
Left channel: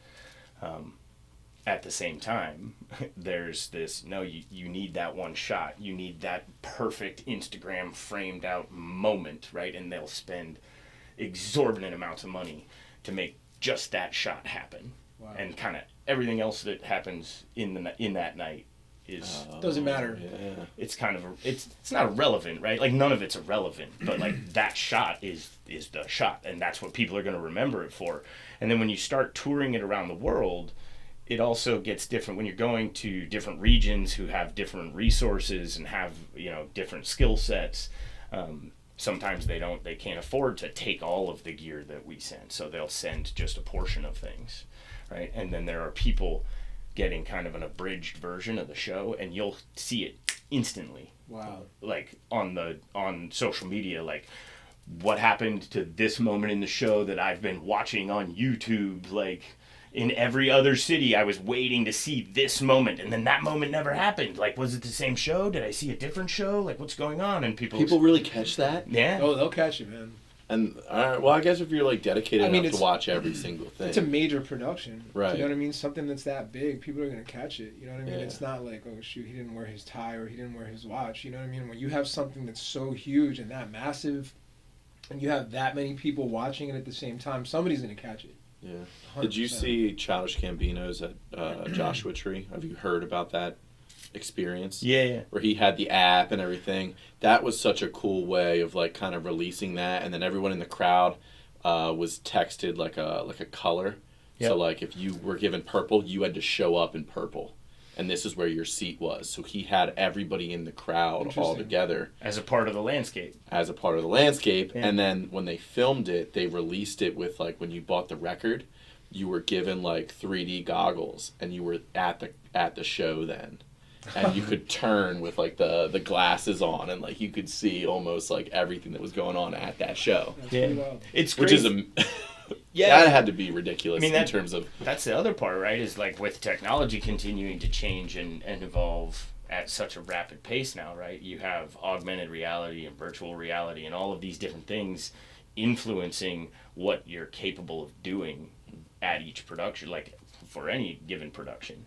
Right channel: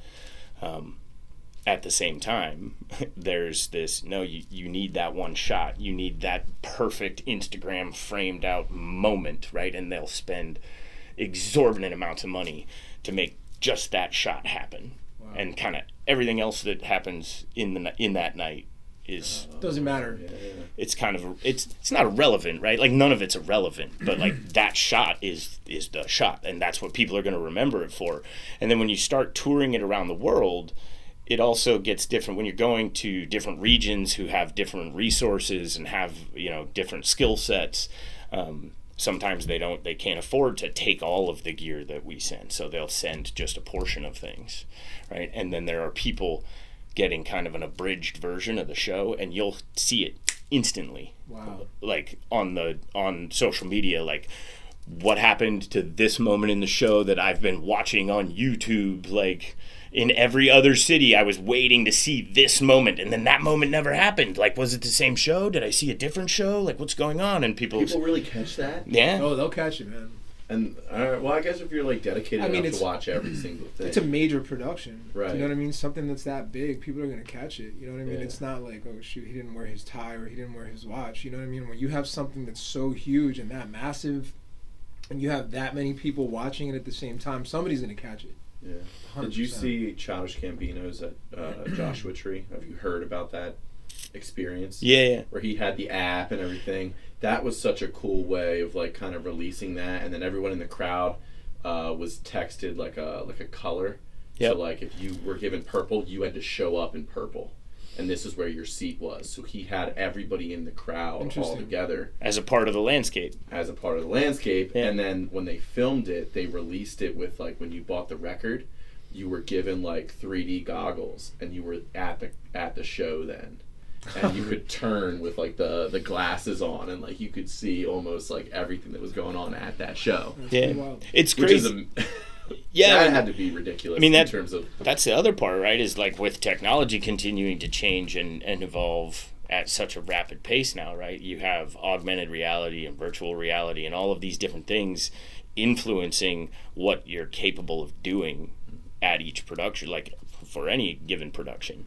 at the same time there's this, no, you need that one shot, you need that perfect Instagram framed out moment, right? And they'll spend exorbitant amounts of money to make just that shot happen. Wow. And kind of everything else that happens in that night is Doesn't matter. Yeah. it's kind of it's not irrelevant, right? Like none of it's irrelevant, but like that shot is the shot, and that's what people are going to remember it for. And then when you start touring it around the world, it also gets different when you're going to different regions who have different resources and have, you know, different skill sets. Sometimes they can't afford to take all of the gear that we send, so they'll send just a portion of things, right? And then there are people getting kind of an abridged version of the show, and you'll see it instantly. Wow. Like on social media, like what happened to this moment in the show that I've been watching on YouTube, like in every other city I was waiting to see this moment, and then that moment never happened. Like, was it the same show? Did I see a different show? Like, what's going on? And people really catch that. yeah. Oh, they'll catch it, man. And well, I guess if you're like dedicated I mean, enough to watch every single thing, It's a major production. Right. You know what I mean? Something that's that big, people are going to catch it. You know what I mean? Yeah. It's not like, oh, shoot, he didn't wear his tie or he didn't wear his watch. You know what I mean? When you have something that's so huge and that massive, and you have that many people watching it at the same time, somebody's going to catch it. Yeah. 100%. Did you see Childish Gambino's at Joshua Tree? Have you heard about that experience? Yeah. Where he had the app and everything. That was such a cool way of like kind of releasing that, and then everyone in the crowd was texted like a color. Yep. So like if you were given purple, you had to show up in purple, and this is where your seat was. So he had everybody in the crowd all Interesting. together As a part of the landscape. as a part of the landscape. Yeah. And then when they filmed it, they released it with like when you bought the record, you were given like 3D goggles, and you were at the show then. And you could turn with like the glasses on, and like you could see almost like everything that was going on at that show. That's Yeah. pretty wild. It's Which crazy. is Yeah. that had to be ridiculous. I mean, in that- terms of That's the other part, right? Is like with technology continuing to change and evolve at such a rapid pace now, right? You have augmented reality and virtual reality and all of these different things influencing what you're capable of doing at each production, like for any given production.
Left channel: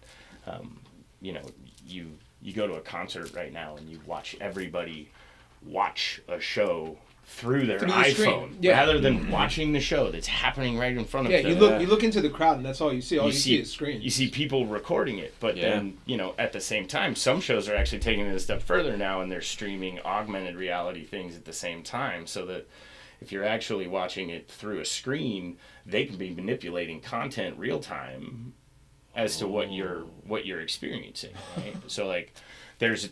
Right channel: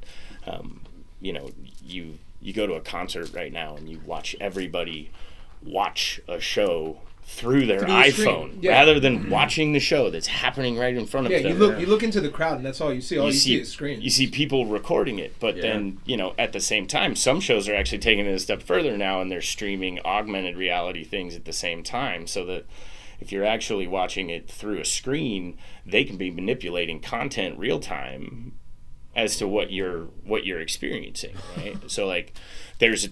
You know, you go to a concert right now and you watch everybody watch a show through their Through the iPhone screen. Yeah. rather than watching the show that's happening right in front of Yeah, them. you look into the crowd and that's all you see. All you see is screen. You see people recording it, but Yeah. then, you know, at the same time, some shows are actually taking it a step further now, and they're streaming augmented reality things at the same time, so that if you're actually watching it through a screen, they can be manipulating content real time as to what you're experiencing, right? So like, there's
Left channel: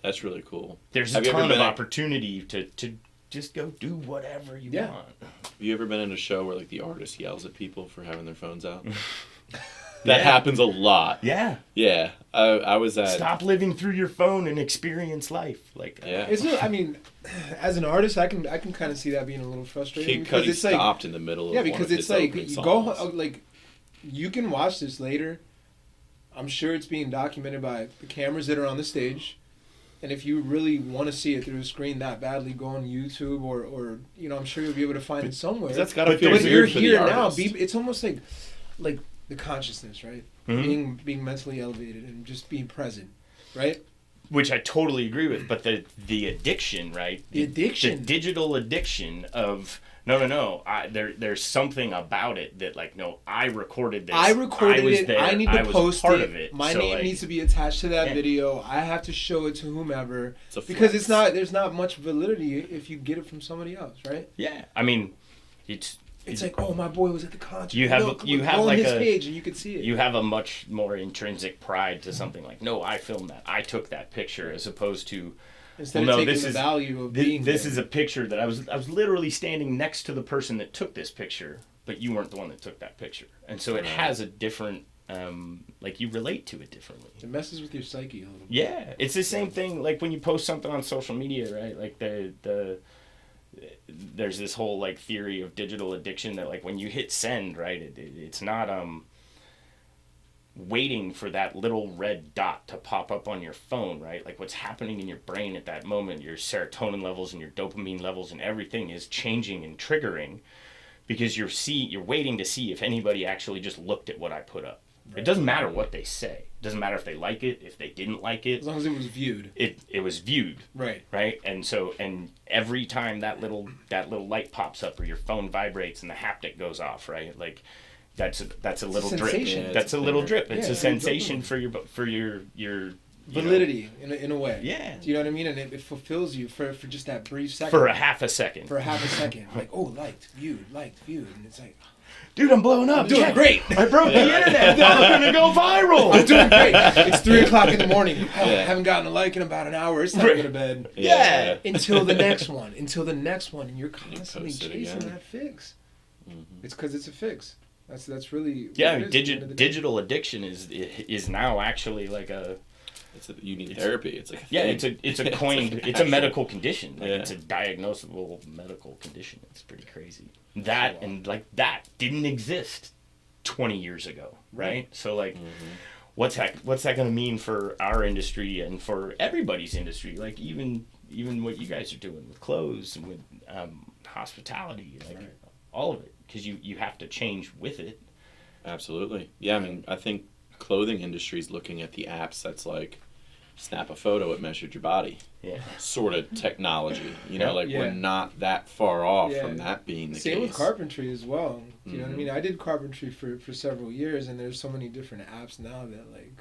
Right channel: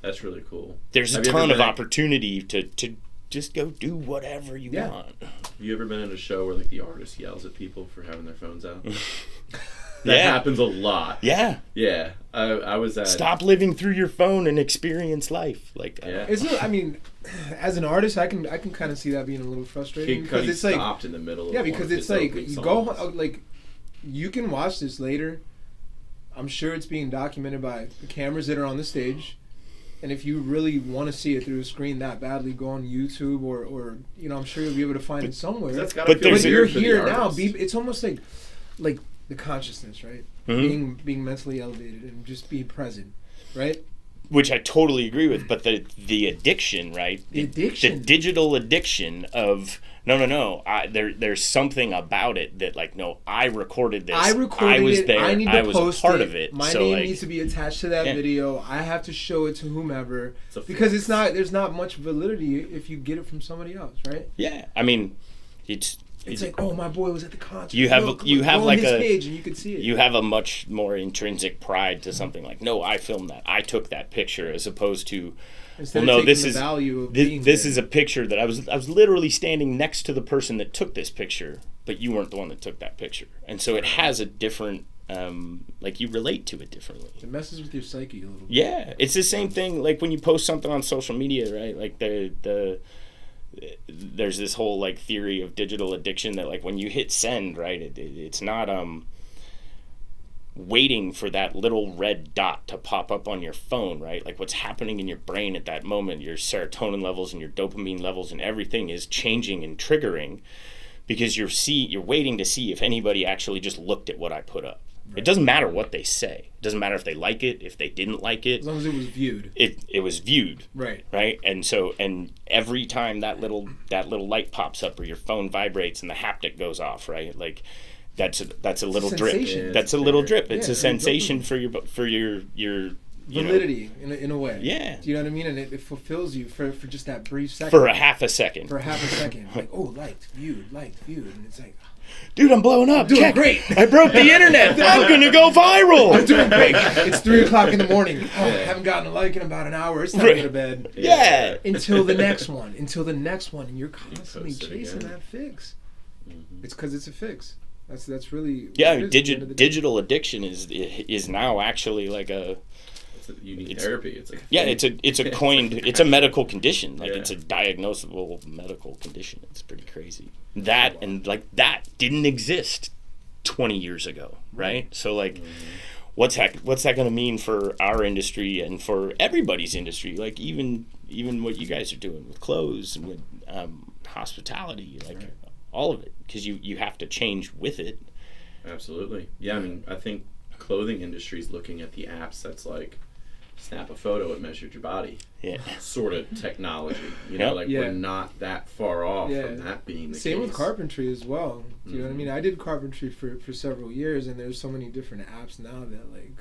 that's really cool. there's a Have you ever ton of been- opportunity to just go do whatever you Yeah. want. Have you ever been in a show where like the artist yells at people for having their phones out? That Yeah. happens a lot. Yeah. Yeah, I was at. Stop living through your phone and experience life like that. Yeah. It's not, I mean, as an artist, I can kind of see that being a little frustrating. Kid Cudi it's like, stopped in the middle of yeah, one because of it's his like opening you songs. go like you can watch this later. I'm sure it's being documented by the cameras that are on the stage. And if you really want to see it through a screen that badly, go on YouTube or you know, I'm sure you'll be able to find it somewhere. That's gotta But feel there's- But you're weird for the here now. artist. It's almost like the consciousness, right? Mhm. Being mentally elevated and just being present, right? Which I totally agree with, but the addiction, right? The addiction. The digital addiction of no. There's something about it that like no, I recorded this. I recorded was it. there. I need to I was post a part it. of it. My so name like, needs to be attached to that Yeah. video. I have to show it to whomever It's a because flex. there's not much validity if you get it from somebody else, right? yeah, I mean, it's like, oh, my boy was at the concert. You have- Look, you look, have go on like his a- page and you can see it. you have a much more intrinsic pride to something like no, I filmed that. I took that picture as opposed to Instead well, of no, taking this the is value of this, being this there. is a picture that I was literally standing next to the person that took this picture, but you weren't the one that took that picture, and so it has a different like you relate to it differently. It messes with your psyche a little bit. Yeah, it's the same thing like when you post something on social media, right? Like there's this whole like theory of digital addiction that like when you hit send, right, it's not waiting for that little red dot to pop up on your phone, right? Like what's happening in your brain at that moment, your serotonin levels and your dopamine levels and everything is changing and triggering because you're waiting to see if anybody actually just looked at what I put up. It doesn't matter what they say. It doesn't matter if they like it, if they didn't like it. As long as it was viewed. It was viewed, Right. right? And every time that little light pops up or your phone vibrates and the haptic goes off, right? Like that's a little drip. Sensation. Yeah, That's a little drip. It's Yeah, a sensation for your validity in a way. Yeah. Do you know what I mean? And it fulfills you for just that brief second. For a half a second. For a half a second. Like, oh, liked, viewed. And it's like, Dude, I'm blowing up. doing Check. great. I broke the internet. I'm going to go viral. I'm doing great. It's 3 o'clock in the morning. Oh, I haven't gotten a like in about an hour. It's time to go to bed. Yeah. Until the next one. And you're constantly post it chasing again. that fix. It's because it's a fix. That's really... Yeah, I what mean, it is. digital addiction is now actually like You need therapy. It's like it's a coined it's a medical condition. Like Yeah. it's a diagnosable medical condition. It's pretty crazy. That didn't exist 20 years ago, right? So like what's that going to mean for our industry and for everybody's industry? Like even what you guys are doing with clothes and with hospitality, like all of it, because you have to change with it. Absolutely. Yeah, I mean, I think clothing industry is looking at the apps that's like snap a photo, it measured your body. Yeah. Sort of technology. Yeah. We're not that far off Yeah. from that being the Same case. with carpentry as well. Do you know what I mean? I did carpentry for several years, and there's so many different apps now that, like,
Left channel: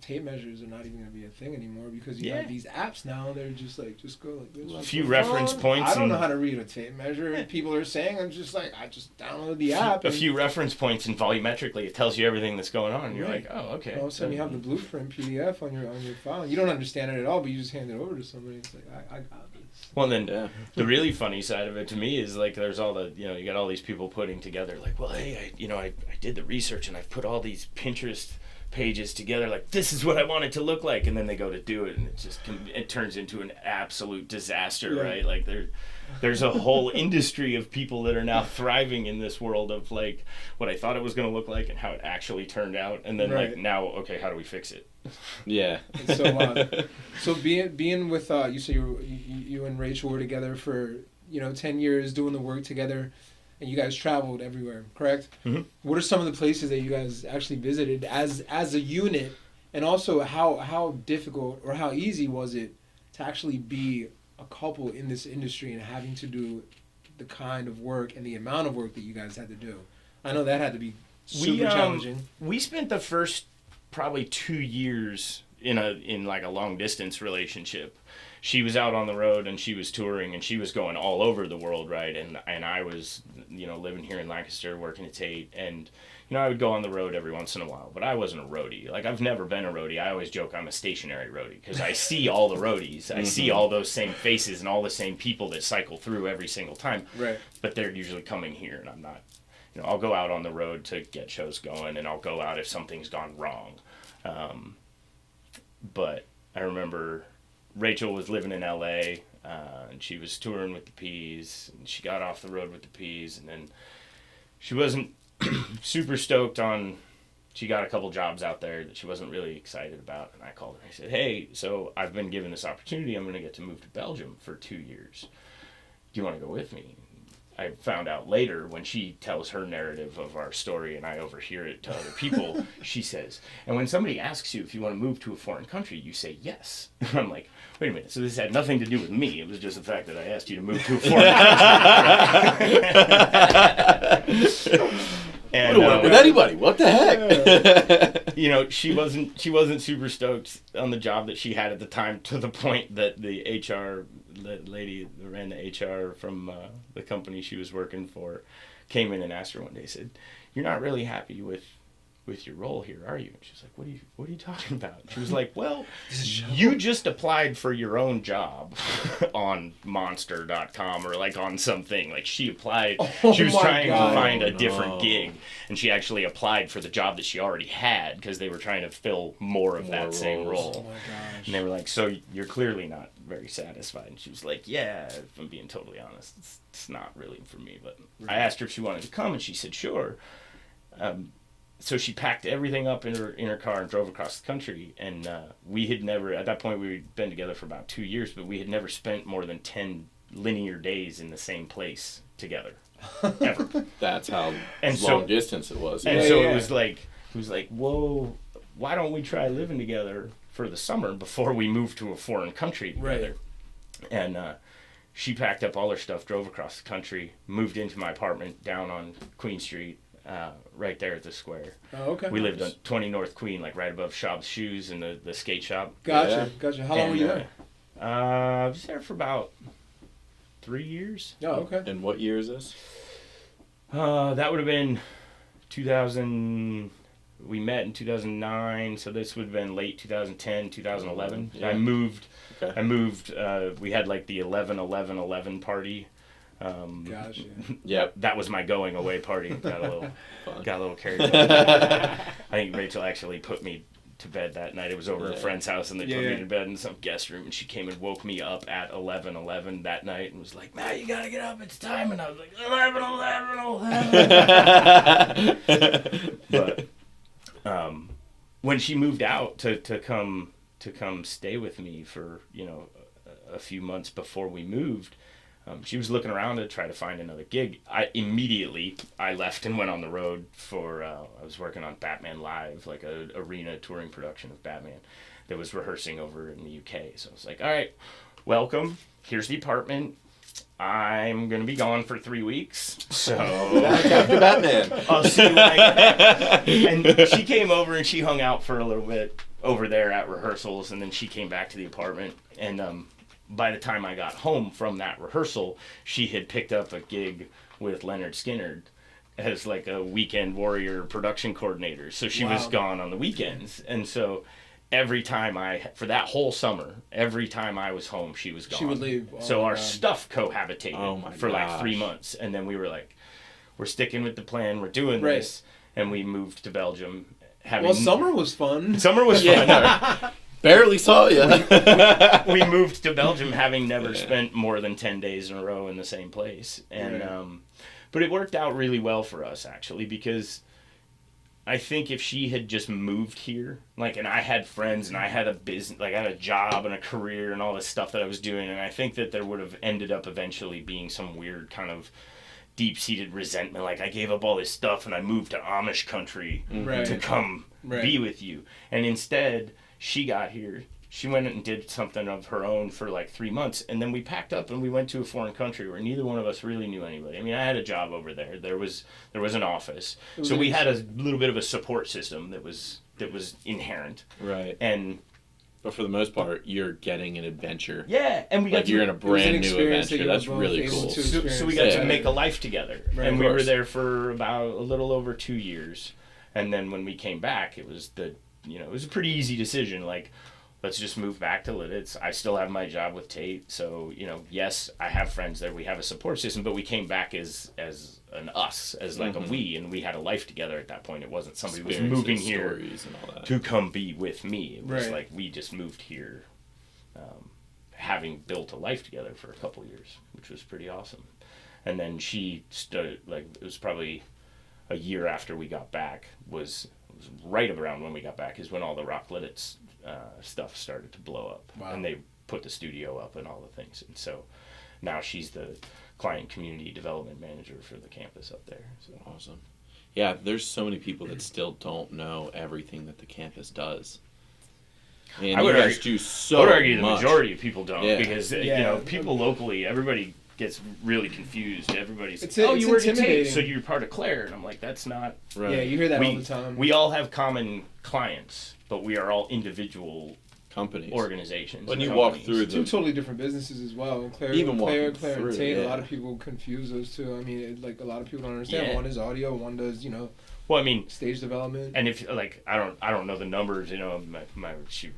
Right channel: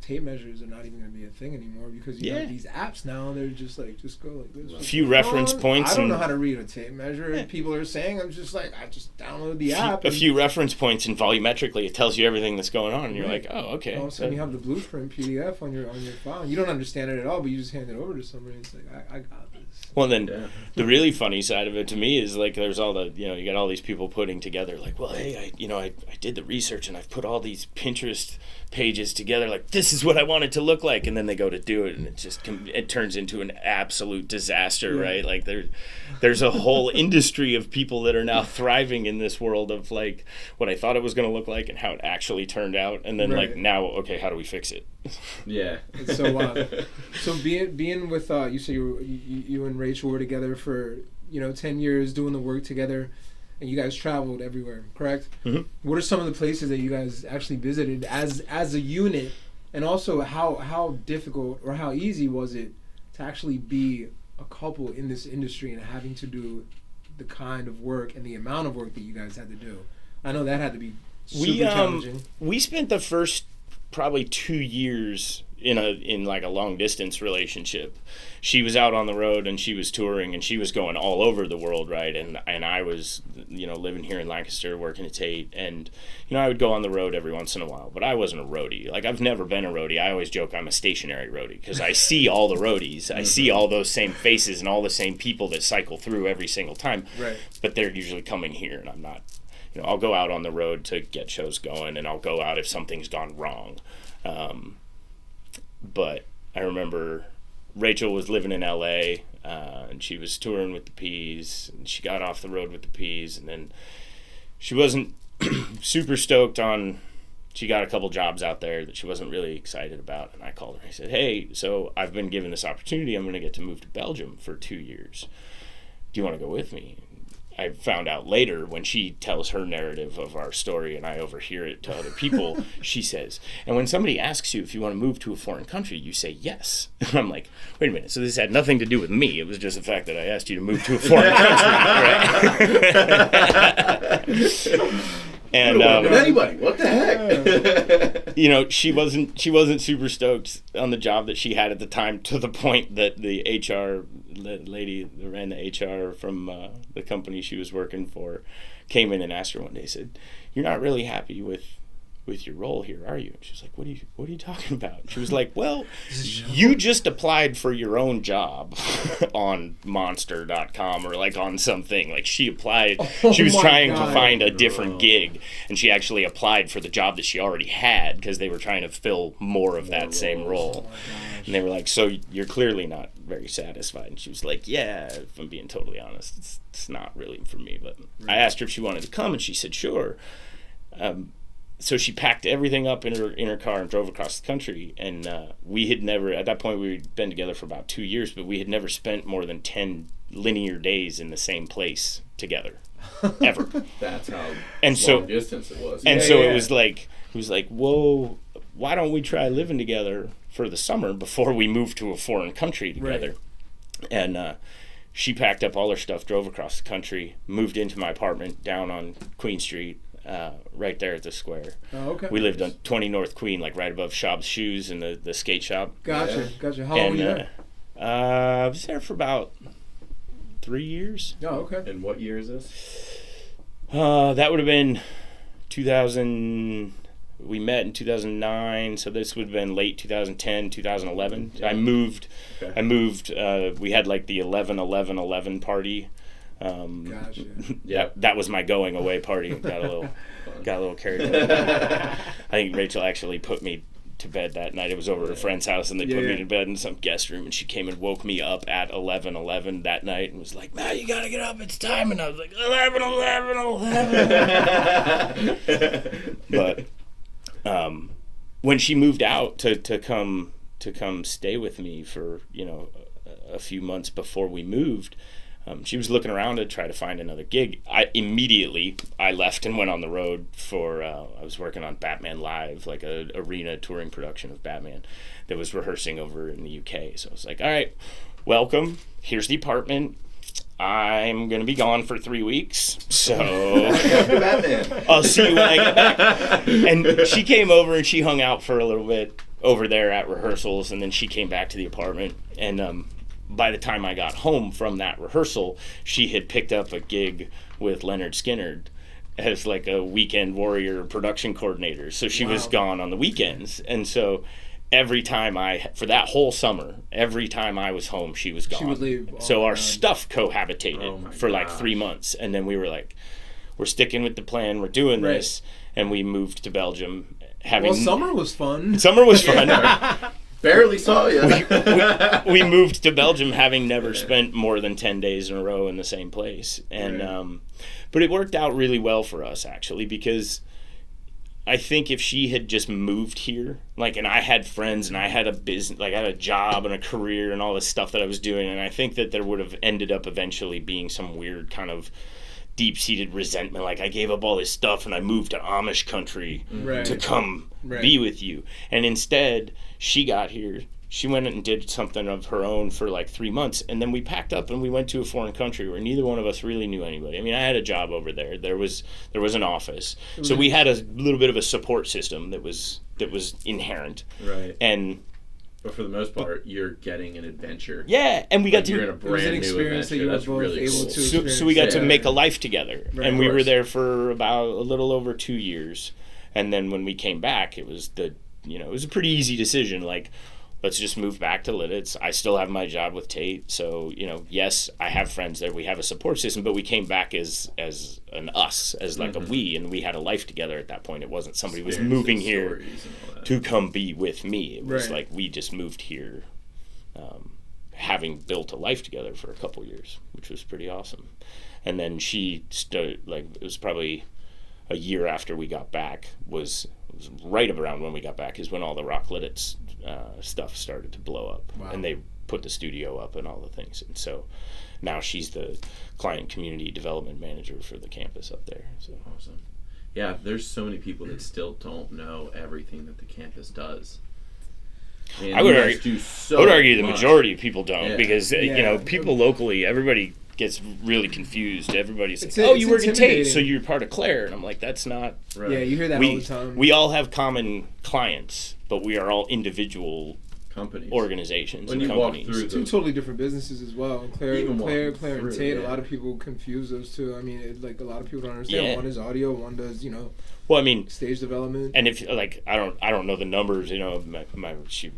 tape measures are not even going to be a thing anymore because you have these apps now, and they're just like, just go like this. A few reference points. I don't know how to read a tape measure. Yeah. People are saying, I'm just like, I just download the app. A few reference points, and volumetrically it tells you everything that's going on, and you're like, oh, okay. All of a sudden you have the blueprint PDF on your file. You don't understand it at all, but you just hand it over to somebody. It's like, I got this. Well, then the really funny side of it to me is like there's all the, you got all these people putting together like, well, hey, I did the research and I've put all these Pinterest pages together, like this is what I want it to look like, and then they go to do it and it turns into an absolute disaster, right? Like there's a whole industry of people that are now thriving in this world of like what I thought it was going to look like and how it actually turned out, and then like now, okay, how do we fix it? Yeah. So being with you say you and Rachel were together for 10 years doing the work together. And you guys traveled everywhere, correct? Mm-hmm. What are some of the places that you guys actually visited as a unit, and also how difficult or how easy was it to actually be a couple in this industry and having to do the kind of work and the amount of work that you guys had to do? I know that had to be super challenging. We spent the first probably 2 years in like a long distance relationship. She was out on the road and she was touring and she was going all over the world, right? And I was, living here in Lancaster, working at Tait, and I would go on the road every once in a while, but I wasn't a roadie. Like I've never been a roadie. I always joke I'm a stationary roadie because I see all the roadies. I see all those same faces and all the same people that cycle through every single time. Right. But they're usually coming here, and I'm not. I'll go out on the road to get shows going, and I'll go out if something's gone wrong. But I remember Rachel was living in LA, and she was touring with the Peas, and she got off the road with the Peas, and then she wasn't super stoked on, she got a couple jobs out there that she wasn't really excited about, and I called her. I said, hey, so I've been given this opportunity. I'm going to get to move to Belgium for 2 years. Do you want to go with me? I found out later when she tells her narrative of our story and I overhear it to other people, she says, and when somebody asks you if you want to move to a foreign country, you say yes. And I'm like, wait a minute, so this had nothing to do with me. It was just the fact that I asked you to move to a foreign country. Right? And with anybody, what the heck? She wasn't super stoked on the job that she had at the time, to the point that the HR lady that ran the HR from the company she was working for came in and asked her one day, said, "You're not really happy with your role here, are you?" And she's like, what are you talking about? And she was like, well, you just applied for your own job on monster.com or like on something. Like she applied, she was trying to find a different gig, and she actually applied for the job that she already had because they were trying to fill more of that same role. And they were like, so you're clearly not very satisfied. And she was like, yeah, if I'm being totally honest, it's not really for me. But I asked her if she wanted to come, and she said, sure. So she packed everything up in her car and drove across the country. And we had never, at that point, we had been together for about 2 years, but we had never spent more than 10 linear days in the same place together, ever. That's how long distance it was. And it was like, whoa, why don't we try living together for the summer before we move to a foreign country together? Right. And she packed up all her stuff, drove across the country, moved into my apartment down on Queen Street. right there at the square. Oh, okay. We lived on 20 North Queen, like right above Schaub's Shoes and the skate shop. Gotcha. How long were you there? I was there for about 3 years. Oh, okay. And what year is this? That would have been 2000. We met in 2009, so this would have been late 2010, 2011. Yeah. I moved. Okay. We had like the 11-11-11 party. Gotcha. Yeah. That was my going away party. Got a little carried away. I think Rachel actually put me to bed that night. It was over at a friend's house, and they put me to bed in some guest room, and she came and woke me up at 11:11 that night and was like, "Man, you gotta get up, it's time." And I was like, 11:11. But when she moved out to come stay with me for a few months before we moved, she was looking around to try to find another gig. I left and went on the road for I was working on Batman Live, like a arena touring production of Batman that was rehearsing over in the UK. So I was like, all right, welcome, here's the apartment, I'm gonna be gone for 3 weeks, so Batman. I'll see you when I get back. And she came over and she hung out for a little bit over there at rehearsals, and then she came back to the apartment, and by the time I got home from that rehearsal, she had picked up a gig with Leonard Skinner as like a weekend warrior production coordinator. So she was gone on the weekends. And so every time for that whole summer, every time I was home, she was gone. She would leave. So our stuff cohabitated for like gosh. 3 months. And then we were like, we're sticking with the plan, we're doing this. And we moved to Belgium. Summer was fun. Summer was fun. Barely saw you. We moved to Belgium having never spent more than 10 days in a row in the same place. And but it worked out really well for us, actually, because I think if she had just moved here, and I had friends and I had a business, I had a job and a career and all this stuff that I was doing, and I think that there would have ended up eventually being some weird kind of deep-seated resentment, like I gave up all this stuff and I moved to Amish country to come be with you. And instead, she got here, she went and did something of her own for like 3 months, and then we packed up and we went to a foreign country where neither one of us really knew anybody. I mean, I had a job over there. There was an office. So we had a little bit of a support system that was inherent. Right. But for the most part, you're getting an adventure. Yeah, and we got to... You're in a brand new adventure. That's really cool. So we got to make a life together. Right, and we were there for about a little over 2 years. And then when we came back, it was it was a pretty easy decision. Like, let's just move back to Lititz. I still have my job with Tait. So, yes, I have friends there. We have a support system, but we came back as an us, as like a we, and we had a life together at that point. It wasn't somebody was moving here to come be with me. It was like we just moved here having built a life together for a couple years, which was pretty awesome. And then she started, it was probably a year after we got back, was right around when we got back, is when all the Rock Lititz stuff started to blow up. Wow. And they put the studio up and all the things. And so now she's the client community development manager for the campus up there. So awesome. Yeah, there's so many people that still don't know everything that the campus does. I would argue the majority of people don't, because people locally, everybody gets really confused. Everybody's you work at Tait, so you're part of Claire, and I'm like, that's not right. Yeah, you hear that all the time. We all have common clients, but we are all individual companies, organizations. When you walk through two totally different businesses as well. And Claire and Tait, a lot of people confuse those two. I mean, a lot of people don't understand. Yeah. One is audio, one does well, I mean, stage development. And if I don't know the numbers, she'd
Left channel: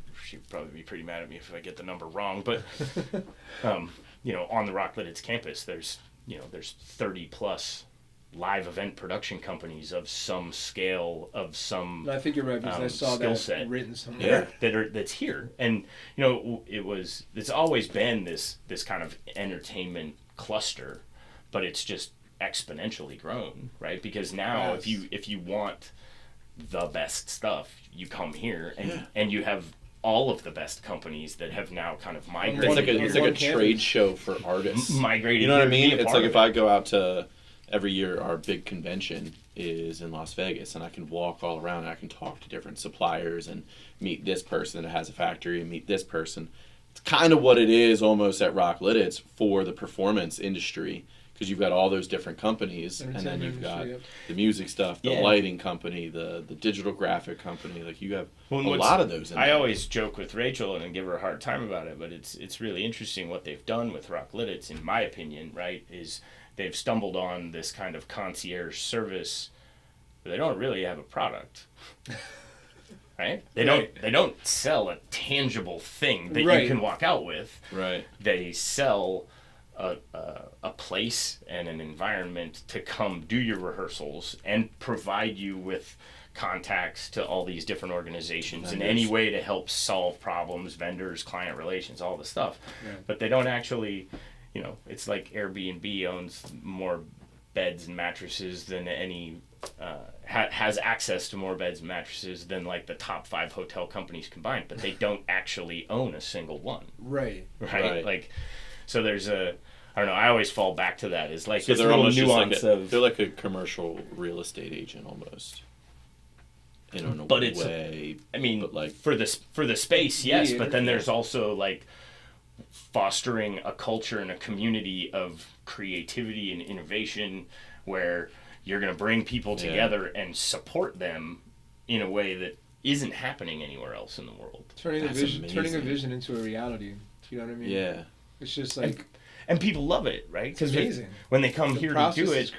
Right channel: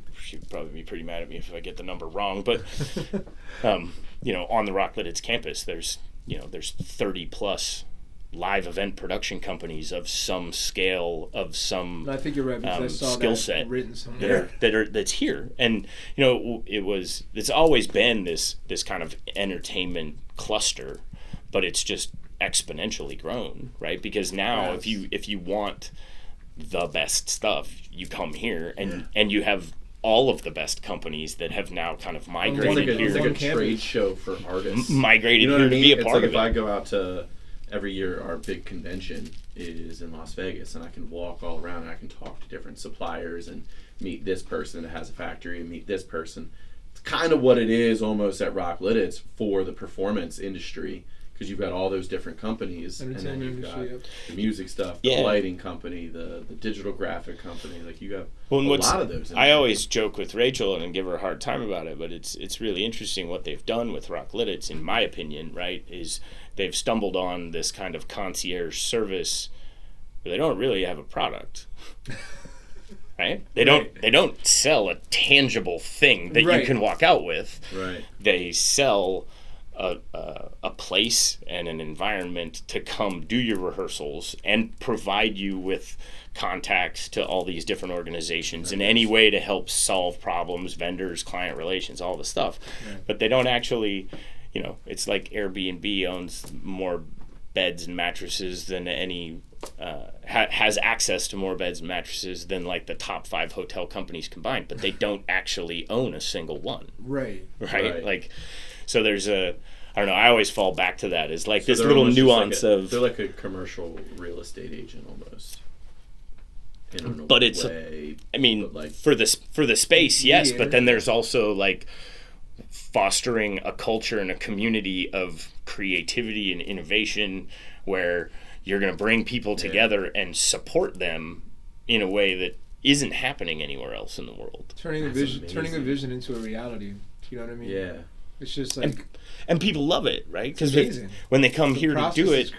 probably be pretty mad at me if I get the number wrong. But on the Rock Lititz campus, there's 30 plus live event production companies of some scale, of some I think you're right, because I saw skill that set written somewhere. That's here. And it's always been this kind of entertainment cluster, but it's just exponentially grown, right? Because now if you want the best stuff, you come here, and you have all of the best companies that have now kind of migrated here. It's like a trade show for artists. Migrated here to be a part of it. It's like if I go out to, every year our big convention is in Las Vegas, and I can walk all around and I can talk to different suppliers and meet this person that has a factory and meet this person. It's kind of what it is almost at Rock Lititz for the performance industry, because you've got all those different companies, and then you've got the music stuff, the lighting company, the digital graphic company. Like you have a lot of those. I always joke with Rachel and give her a hard time about it, but it's really interesting what they've done with Rock Lititz, in my opinion. Right, is they've stumbled on this kind of concierge service, but they don't really have a product. Right? They don't sell a tangible thing that you can walk out with. Right. They sell a place and an environment to come do your rehearsals and provide you with contacts to all these different organizations in any way to help solve problems, vendors, client relations, all the stuff. Yeah. But they don't actually, it's like Airbnb owns more beds and mattresses than any has access to more beds and mattresses than like the top 5 hotel companies combined, but they don't actually own a single one. Right. Like, so there's I don't know, I always fall back to that, is like this little nuance of... They're like a commercial real estate agent almost. But it's, way, like, for the space, yes, but then there's also like fostering a culture and a community of creativity and innovation where you're going to bring people together and support them in a way that isn't happening anywhere else in the world. Turning a vision into a reality. You know what I mean? Yeah. It's just like... And people love it, right? Because when they come here to do it,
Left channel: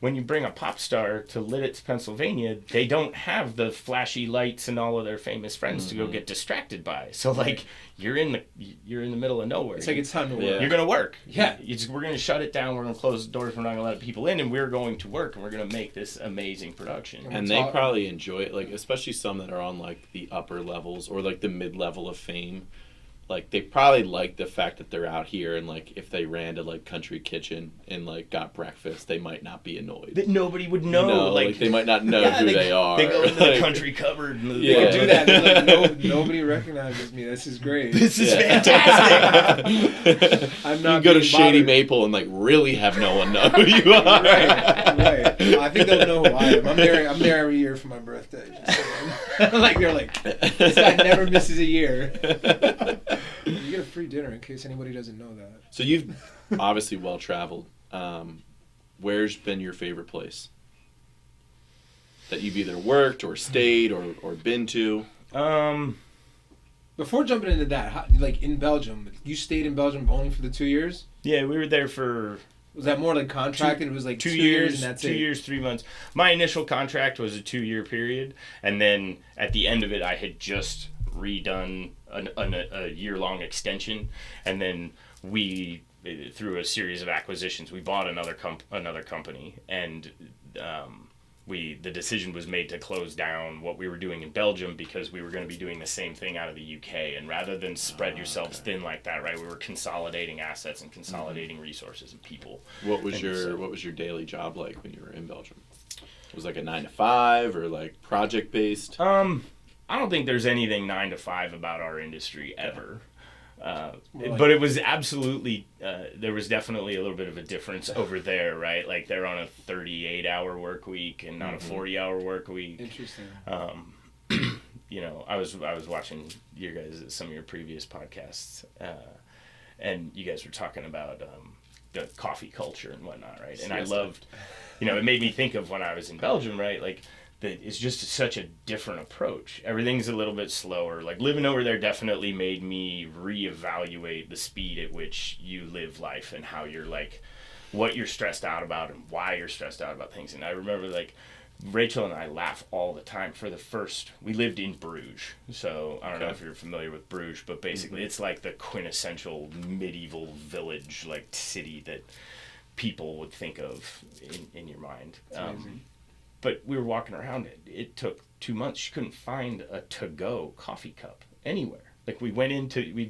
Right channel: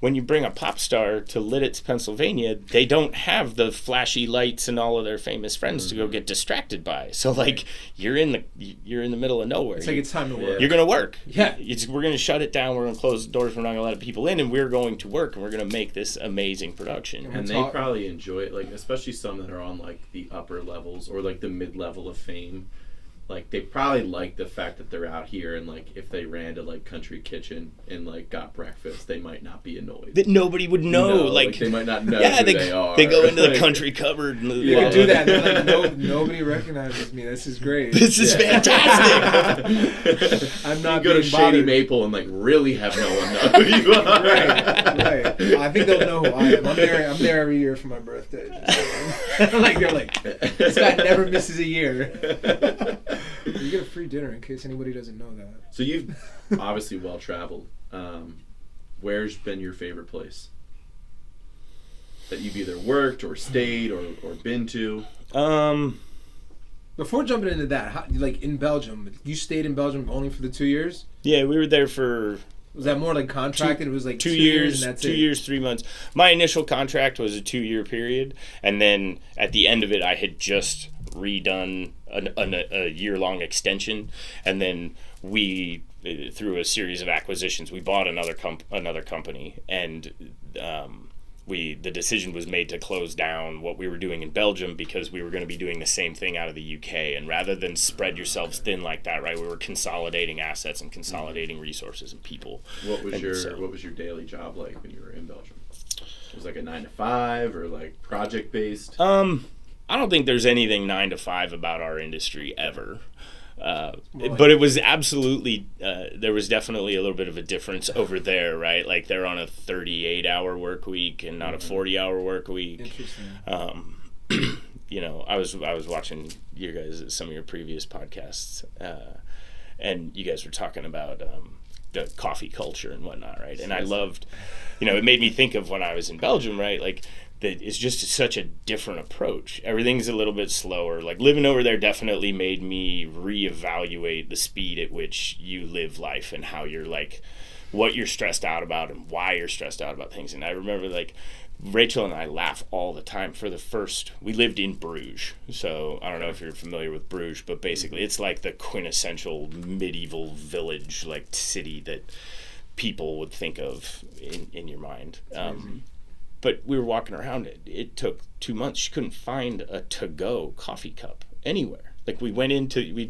when you bring a pop star to Lititz, Pennsylvania, they don't have the flashy lights and all of their famous friends to go get distracted by. So like you're in the middle of nowhere. It's like it's time to work. You're gonna work. Yeah. We're gonna shut it down. We're gonna close the doors. We're not gonna let people in, and we're going to work, and we're gonna make this amazing production. And they probably enjoy it, like especially some that are on like the upper levels or like the mid level of fame. Like they probably like the fact that they're out here, and like if they ran to like Country Kitchen and like got breakfast, they might not be annoyed. That nobody would know. Like they might not know who they are. They go into the country cupboard. And I do that. Nobody recognizes me. This is great. This is fantastic. I'm not. You go to Shady Maple and like really have no one know who you are. Right. I think they'll know who I am. I'm there every year for my birthday. Like they're like, this guy never misses a year. You get a free dinner in case anybody doesn't know that. So you've obviously well traveled. Where's been your favorite place that you've either worked or stayed or been to? Before jumping into that, like in Belgium, you stayed in Belgium only for the 2 years? Yeah, we were there for... Was that more like contracted? It was like 2 years, and that's 2 years, 3 months. My initial contract was a 2-year period, and then at the end of it, I had just redone a year-long extension, and then we, through a series of acquisitions, we bought another company, and the decision was made to close down what we were doing in Belgium because we were going to be doing the same thing out of the UK, and rather than spread yourselves thin like that, right, we were consolidating assets and consolidating resources and people. What was your daily job like when you were in Belgium? It was like a 9 to 5 or like project based? I don't think there's anything 9 to 5 about our industry ever. But it was absolutely, there was definitely a little bit of a difference over there, right? Like they're on a 38-hour work week and not a 40-hour work week. Interesting. I was watching you guys, some of your previous podcasts, and you guys were talking about the coffee culture and whatnot, right? And I loved, it made me think of when I was in Belgium, right? Like, it's just such a different approach. Everything's a little bit slower. Like living over there definitely made me reevaluate the speed at which you live life and how you're like, what you're stressed out about and why you're stressed out about things. And I remember like Rachel and I laugh all the time. We lived in Bruges. So I don't know if you're familiar with Bruges, but basically it's like the quintessential medieval village, like city that people would think of in your mind. But we were walking around it. It took 2 months. You couldn't find a to-go coffee cup anywhere. Like we'd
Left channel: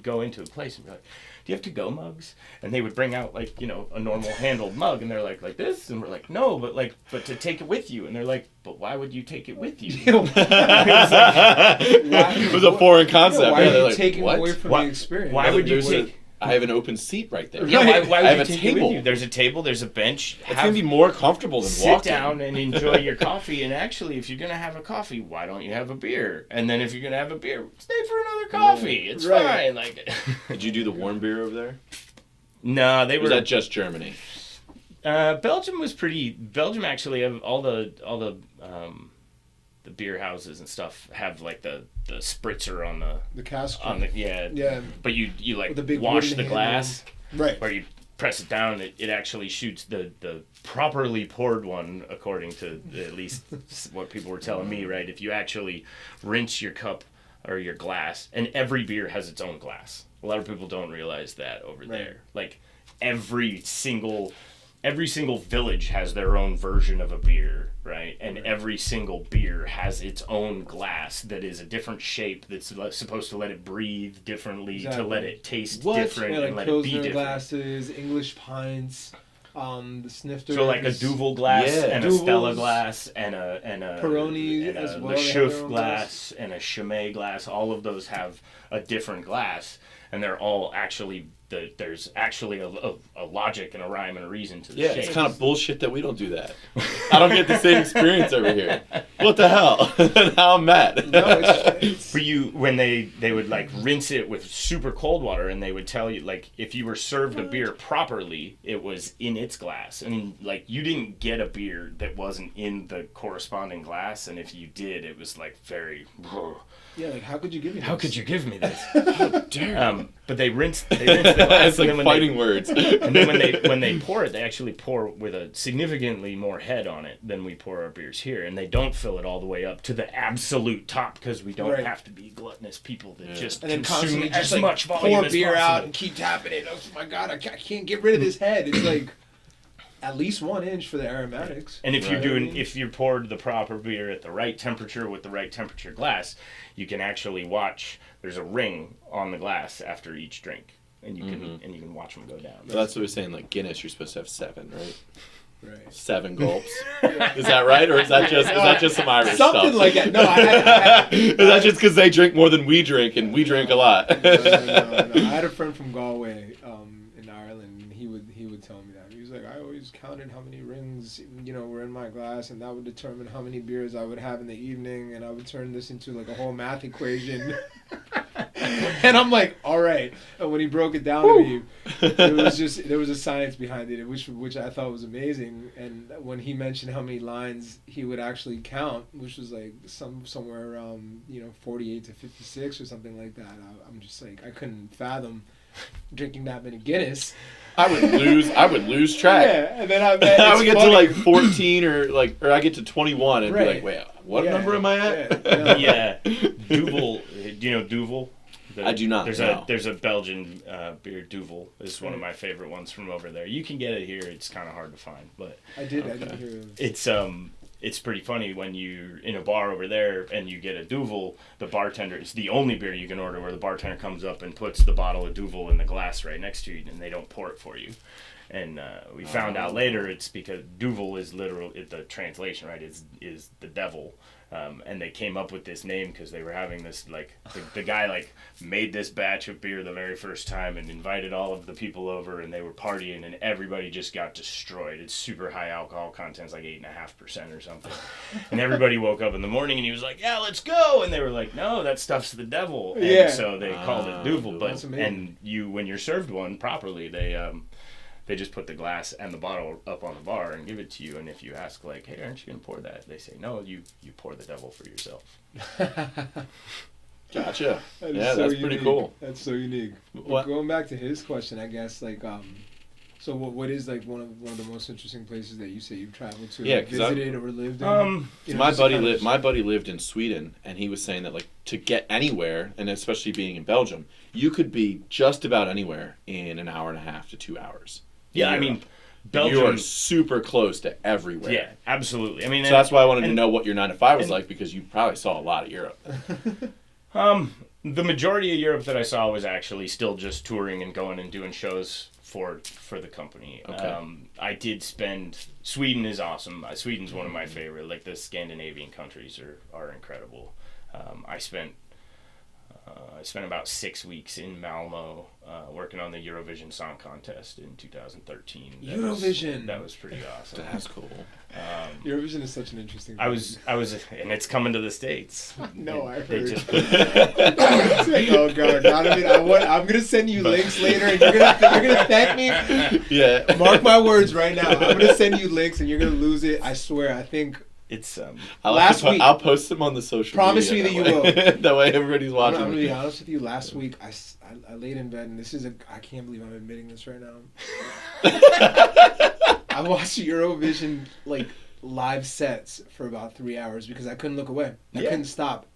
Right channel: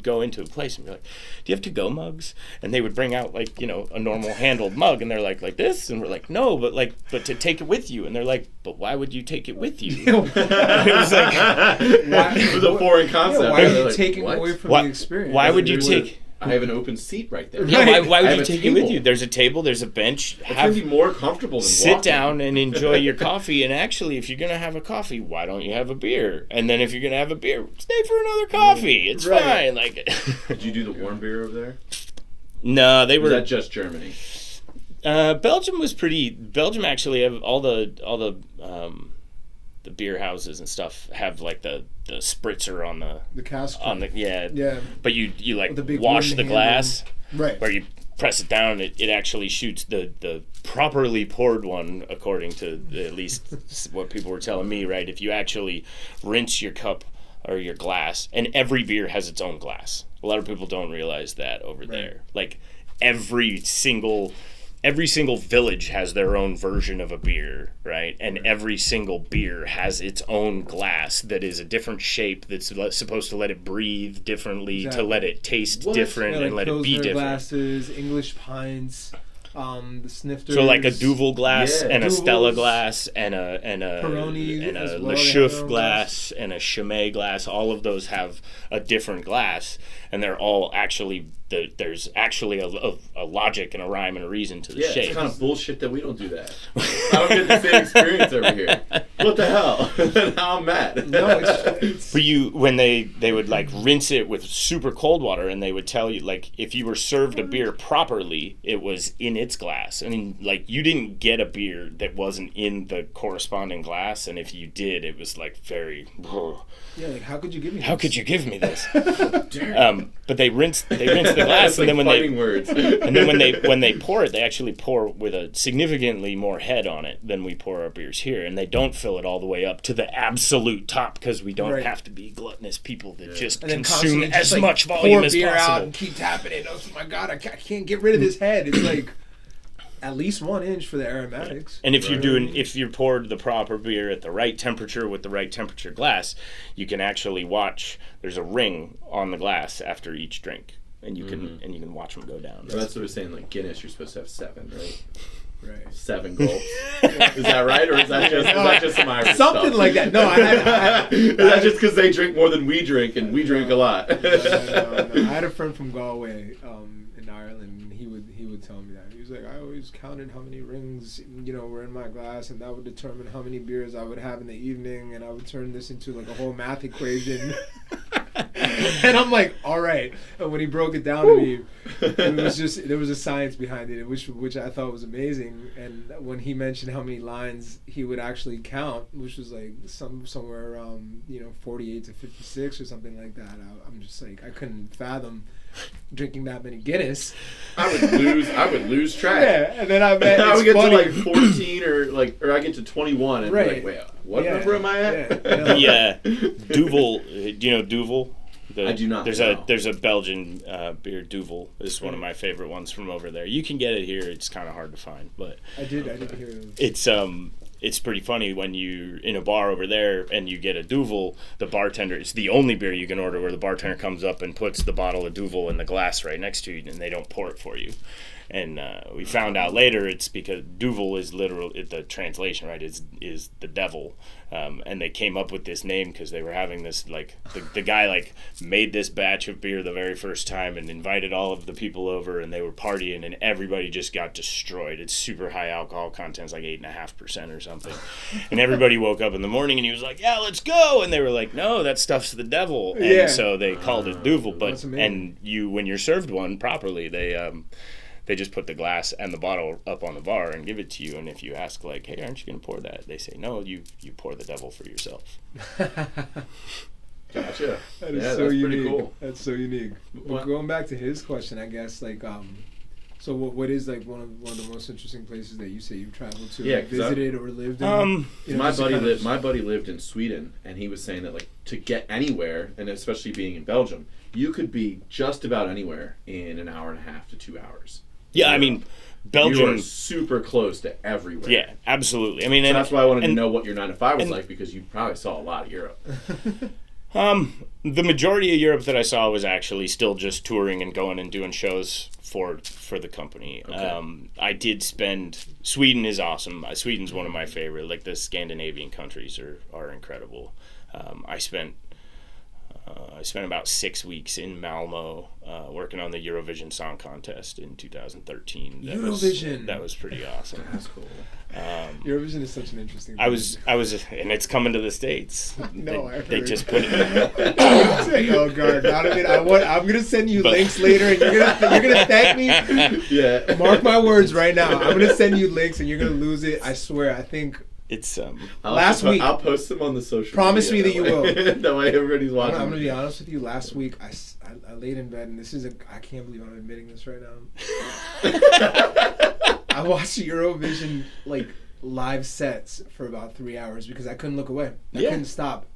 go into a place and be like, "Do you have to-go mugs?" And they would bring out like a normal handled mug, and they're like this, and we're like, "No, but to take it with you." And they're like, "But why would you take it with you?" It was like, it was a foreign concept. Why would you take it away from the experience? Why would you take? I have an open seat right there. Yeah, why would you take it with you? There's a table, there's a bench. It's going to be more comfortable than sit walking. down and enjoy your coffee. And actually, if you're going to have a coffee, why don't you have a beer? And then if you're going to have a beer, stay for another coffee. It's fine. Like, did you do the warm beer over there? No, they were. Was that just Germany? Belgium was pretty. Belgium actually have all the beer houses and stuff have like the spritzer on the cask. Yeah. But you like wash the glass, right? Where you press it down, it actually shoots the properly poured one, according to at least what people were telling me. Right, if you actually rinse your cup or your glass, and every beer has its own glass. A lot of people don't realize that over there. Like every single village has their own version of a beer, right? And every single beer has its own glass that is a different shape that's supposed to let it breathe differently, to let it taste different, and let it be different. Glasses, English pints, the snifters. So like a Duvel glass and Duvels, a Stella glass and a Peroni and as a well, Le they have Chouffe their own glass and a Chimay glass. All of those have a different glass, and they're all actually there's actually a logic and a rhyme and a reason to the shape. It's kind of bullshit that we don't do that. I don't get the same experience over here. What the hell? Now I'm mad. No, it's For you, when they would like rinse it with super cold water, and they would tell you like if you were served a beer properly, it was in its glass. I mean, like you didn't get a beer that wasn't in the corresponding glass, and if you did, it was like very. Yeah, like how could you give me? How could you give me this? Dare. But they rinse the glass, It's and like then fighting words. and then when they pour it, they actually pour with a significantly more head on it than we pour our beers here, and they don't fill it all the way up to the absolute top because we don't have to be gluttonous people that just consume as much volume as pour beer possible. out and keep tapping it. Oh my god, I can't get rid of this head. It's like at least 1 inch for the aromatics. And if you're poured the proper beer at the right temperature with the right temperature glass, you can actually watch. There's a ring on the glass after each drink, and you can watch them go down. So that's what we're saying. Like Guinness, you're supposed to have 7, right? Right. 7 gulps. Is that right, or is that just some Irish Something stuff? like that. No, I Is that just because they drink more than we drink, and we drink a lot? No. I had a friend from Galway in Ireland, and he would tell me that. He was like, I always counted how many rings were in my glass, and that would determine how many beers I would have in the evening, and I would turn this into like a whole math equation. And I'm like, all right. And when he broke it down to me, it was just there was a science behind it, which I thought was amazing. And when he mentioned how many lines he would actually count, which was like somewhere around 48 to 56 or something like that, I'm just like I couldn't fathom drinking that many Guinness. I would lose track. Yeah, and then I would get to like 14 or I get to 21 and be like, wait, what number am I at? Yeah, Duvel. Do you know Duvel? I do not. There's a Belgian beer. Duvel is one of my favorite ones from over there. You can get it here. It's kind of hard to find, but I did hear it. It's pretty funny when you're in a bar over there and you get a Duvel. The bartender, it's the only beer you can order where the bartender comes up and puts the bottle of Duvel in the glass right next to you, and they don't pour it for you. And we found out later it's because Duvel is literally the translation, right? Is the devil. And they came up with this name because they were having this like the guy like made this batch of beer the very first time and invited all of the people over, and they were partying, and everybody just got destroyed. It's super high alcohol content, it's like 8.5% or something. And everybody woke up in the morning and he was like, "Yeah, let's go." And they were like, "No, that stuff's the devil." And so they called it Duvel. But and when you're served one properly, they just put the glass and the bottle up on the bar and give it to you. And if you ask, like, "Hey, aren't you going to pour that?" They say, "No, you pour the devil for yourself." Gotcha. That's pretty unique. cool. That's so unique. Well, going back to his question, I guess, like, so what is, like, one of the most interesting places that you say you've traveled to, visited or lived in? My buddy lived in Sweden, and he was saying that, like, to get anywhere, and especially being in Belgium, you could be just about anywhere in an hour and a half to 2 hours. Yeah, I mean, Belgium. You are super close to everywhere. Yeah, absolutely. I mean, so that's why I wanted to know what your 9 to 5 was like, because you probably saw a lot of Europe. The majority of Europe that I saw was actually still just touring and going and doing shows for the company. Okay. I did spend. Sweden is awesome. Sweden's one of my favorite. Like the Scandinavian countries are incredible. I spent about 6 weeks in Malmo working on the Eurovision Song Contest in 2013. Eurovision. That was pretty awesome. That's cool. Eurovision is such an interesting thing. I was, and it's coming to the States. No, I They heard. just put it. Oh god, Donovan, I'm gonna send you links later, and you're gonna thank me. Yeah. Mark my words right now. I'm gonna send you links, and you're gonna lose it. I swear. I think It's last week. I'll post them on the social Promise media. me that you will. That way everybody's watching. I'm gonna be honest with you. Last week, I laid in bed, and I can't believe I'm admitting this right now. I watched Eurovision like live sets for about 3 hours because I couldn't look away. I couldn't stop.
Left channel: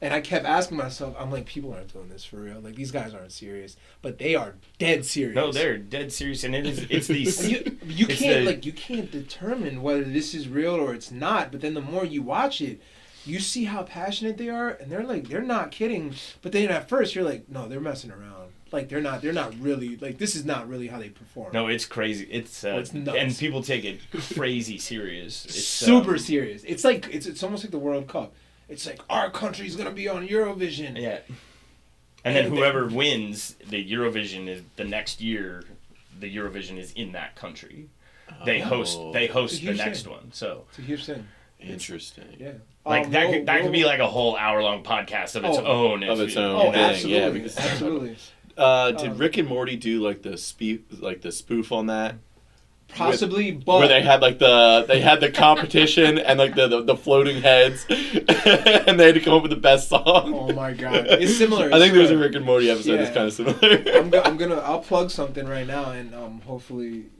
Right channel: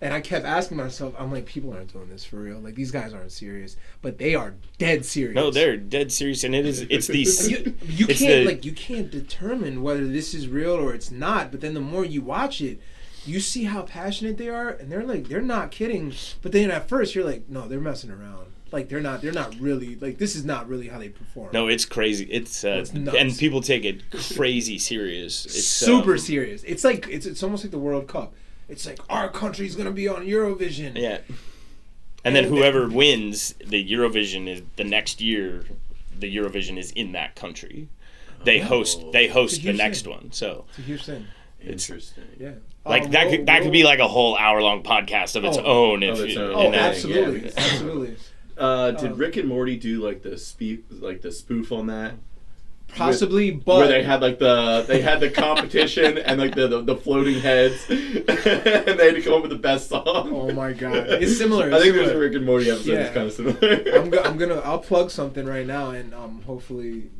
And I kept asking myself, I'm like, people aren't doing this for real. Like, these guys aren't serious. But they are dead serious. No, they're dead serious, and it's these. You can't determine whether this is real or it's not. But then the more you watch it, you see how passionate they are, and they're not kidding. But then at first you're like, no, they're messing around. Like they're not really, like, this is not really how they perform. No, it's crazy. It's nuts. And people take it crazy serious. It's super serious. It's like it's almost like the World Cup. It's like our country's gonna be on Eurovision. Yeah. And then whoever wins the Eurovision is the next year. The Eurovision is in that country. They host the next one. So It's a huge thing. Interesting. Yeah. like that could be like a whole hour-long podcast of its own. Of its own. Oh, Yeah, absolutely, yeah. absolutely. Did Rick and Morty do like the spoof on that? Possibly, but Where they had like the competition and like the floating heads, and they had to come up with the best song. oh my god, it's similar. I think there's a Rick and Morty episode that's Yeah. kind of similar. I'll plug something right now, and hopefully,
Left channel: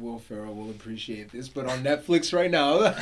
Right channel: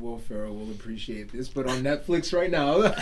Will Ferrell will appreciate this. But on Netflix right now,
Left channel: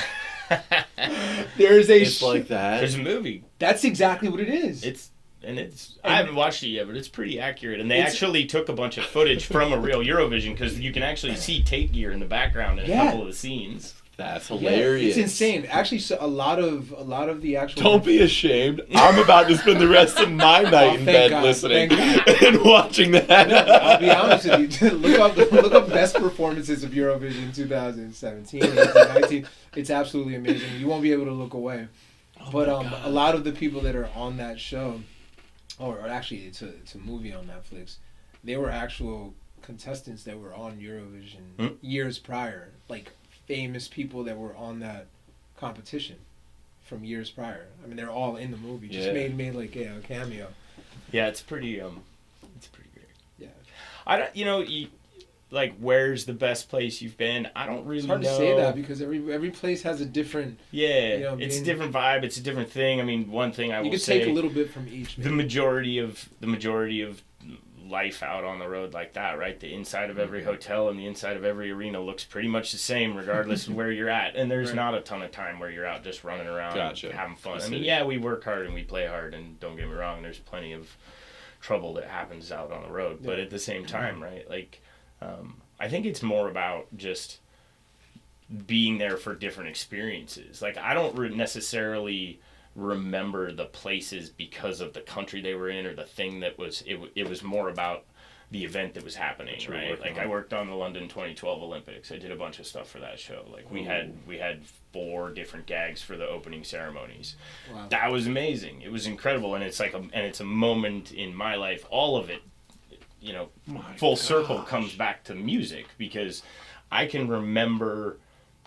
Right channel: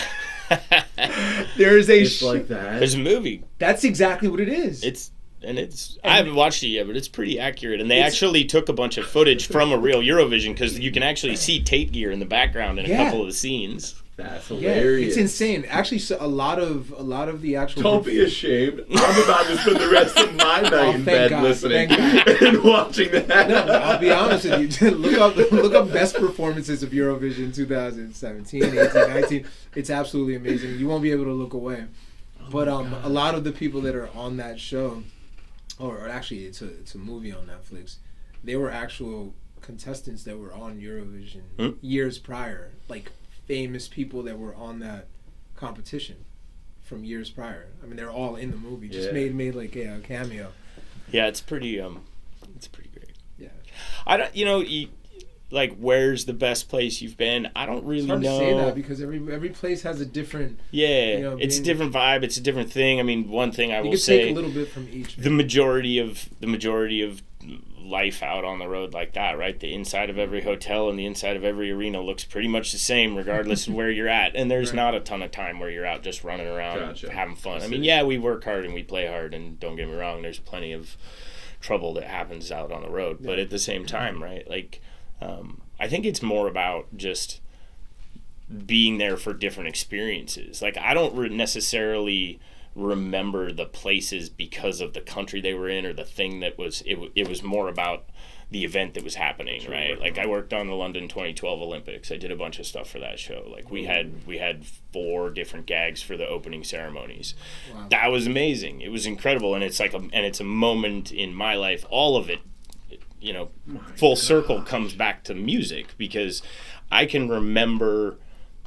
there is a Just like that. There's a movie. That's exactly what it is. I haven't watched it yet, but it's pretty accurate. And they actually took a bunch of footage from a real Eurovision because you can actually see Tait gear in the background in a couple of the scenes. That's Yeah, hilarious. it's insane. Actually, so a lot of the actual. Don't be ashamed. I'm about to spend the rest of my night in bed God, listening thank and watching that. I'll be honest with you. look up best performances of Eurovision 2017, 18, 19. It's absolutely amazing. You won't be able to look away. But a lot of the people that are on that show, or actually it's a movie on Netflix, they were actual contestants that were on Eurovision years prior, like famous people that were on that competition from years prior. I mean, they're all in the movie. Just made like a cameo. Yeah, it's pretty great. Yeah. I don't, like, where's the best place you've been? I don't really know. It's hard to say that because every place has a different. Yeah, it's a different vibe. It's a different thing. I mean, one thing I will say, take a little bit from each. the majority of life out on the road like that, right? The inside of every hotel and the inside of every arena looks pretty much the same regardless of where you're at. And there's not a ton of time where you're out just running around and having fun. I mean, yeah, we work hard and we play hard, and don't get me wrong, there's plenty of trouble that happens out on the road. But at the same time, right, like, I think it's more about just being there for different experiences. Like, I don't necessarily remember the places because of the country they were in or the thing that was it was more about the event that was happening, right? Like, I worked on the London 2012 Olympics. I did a bunch of stuff for that show. Like, we had 4 different gags for the opening ceremonies. Wow. That was amazing. It was incredible, and it's like it's a moment in my life. All of it, full circle comes back to music, because I can remember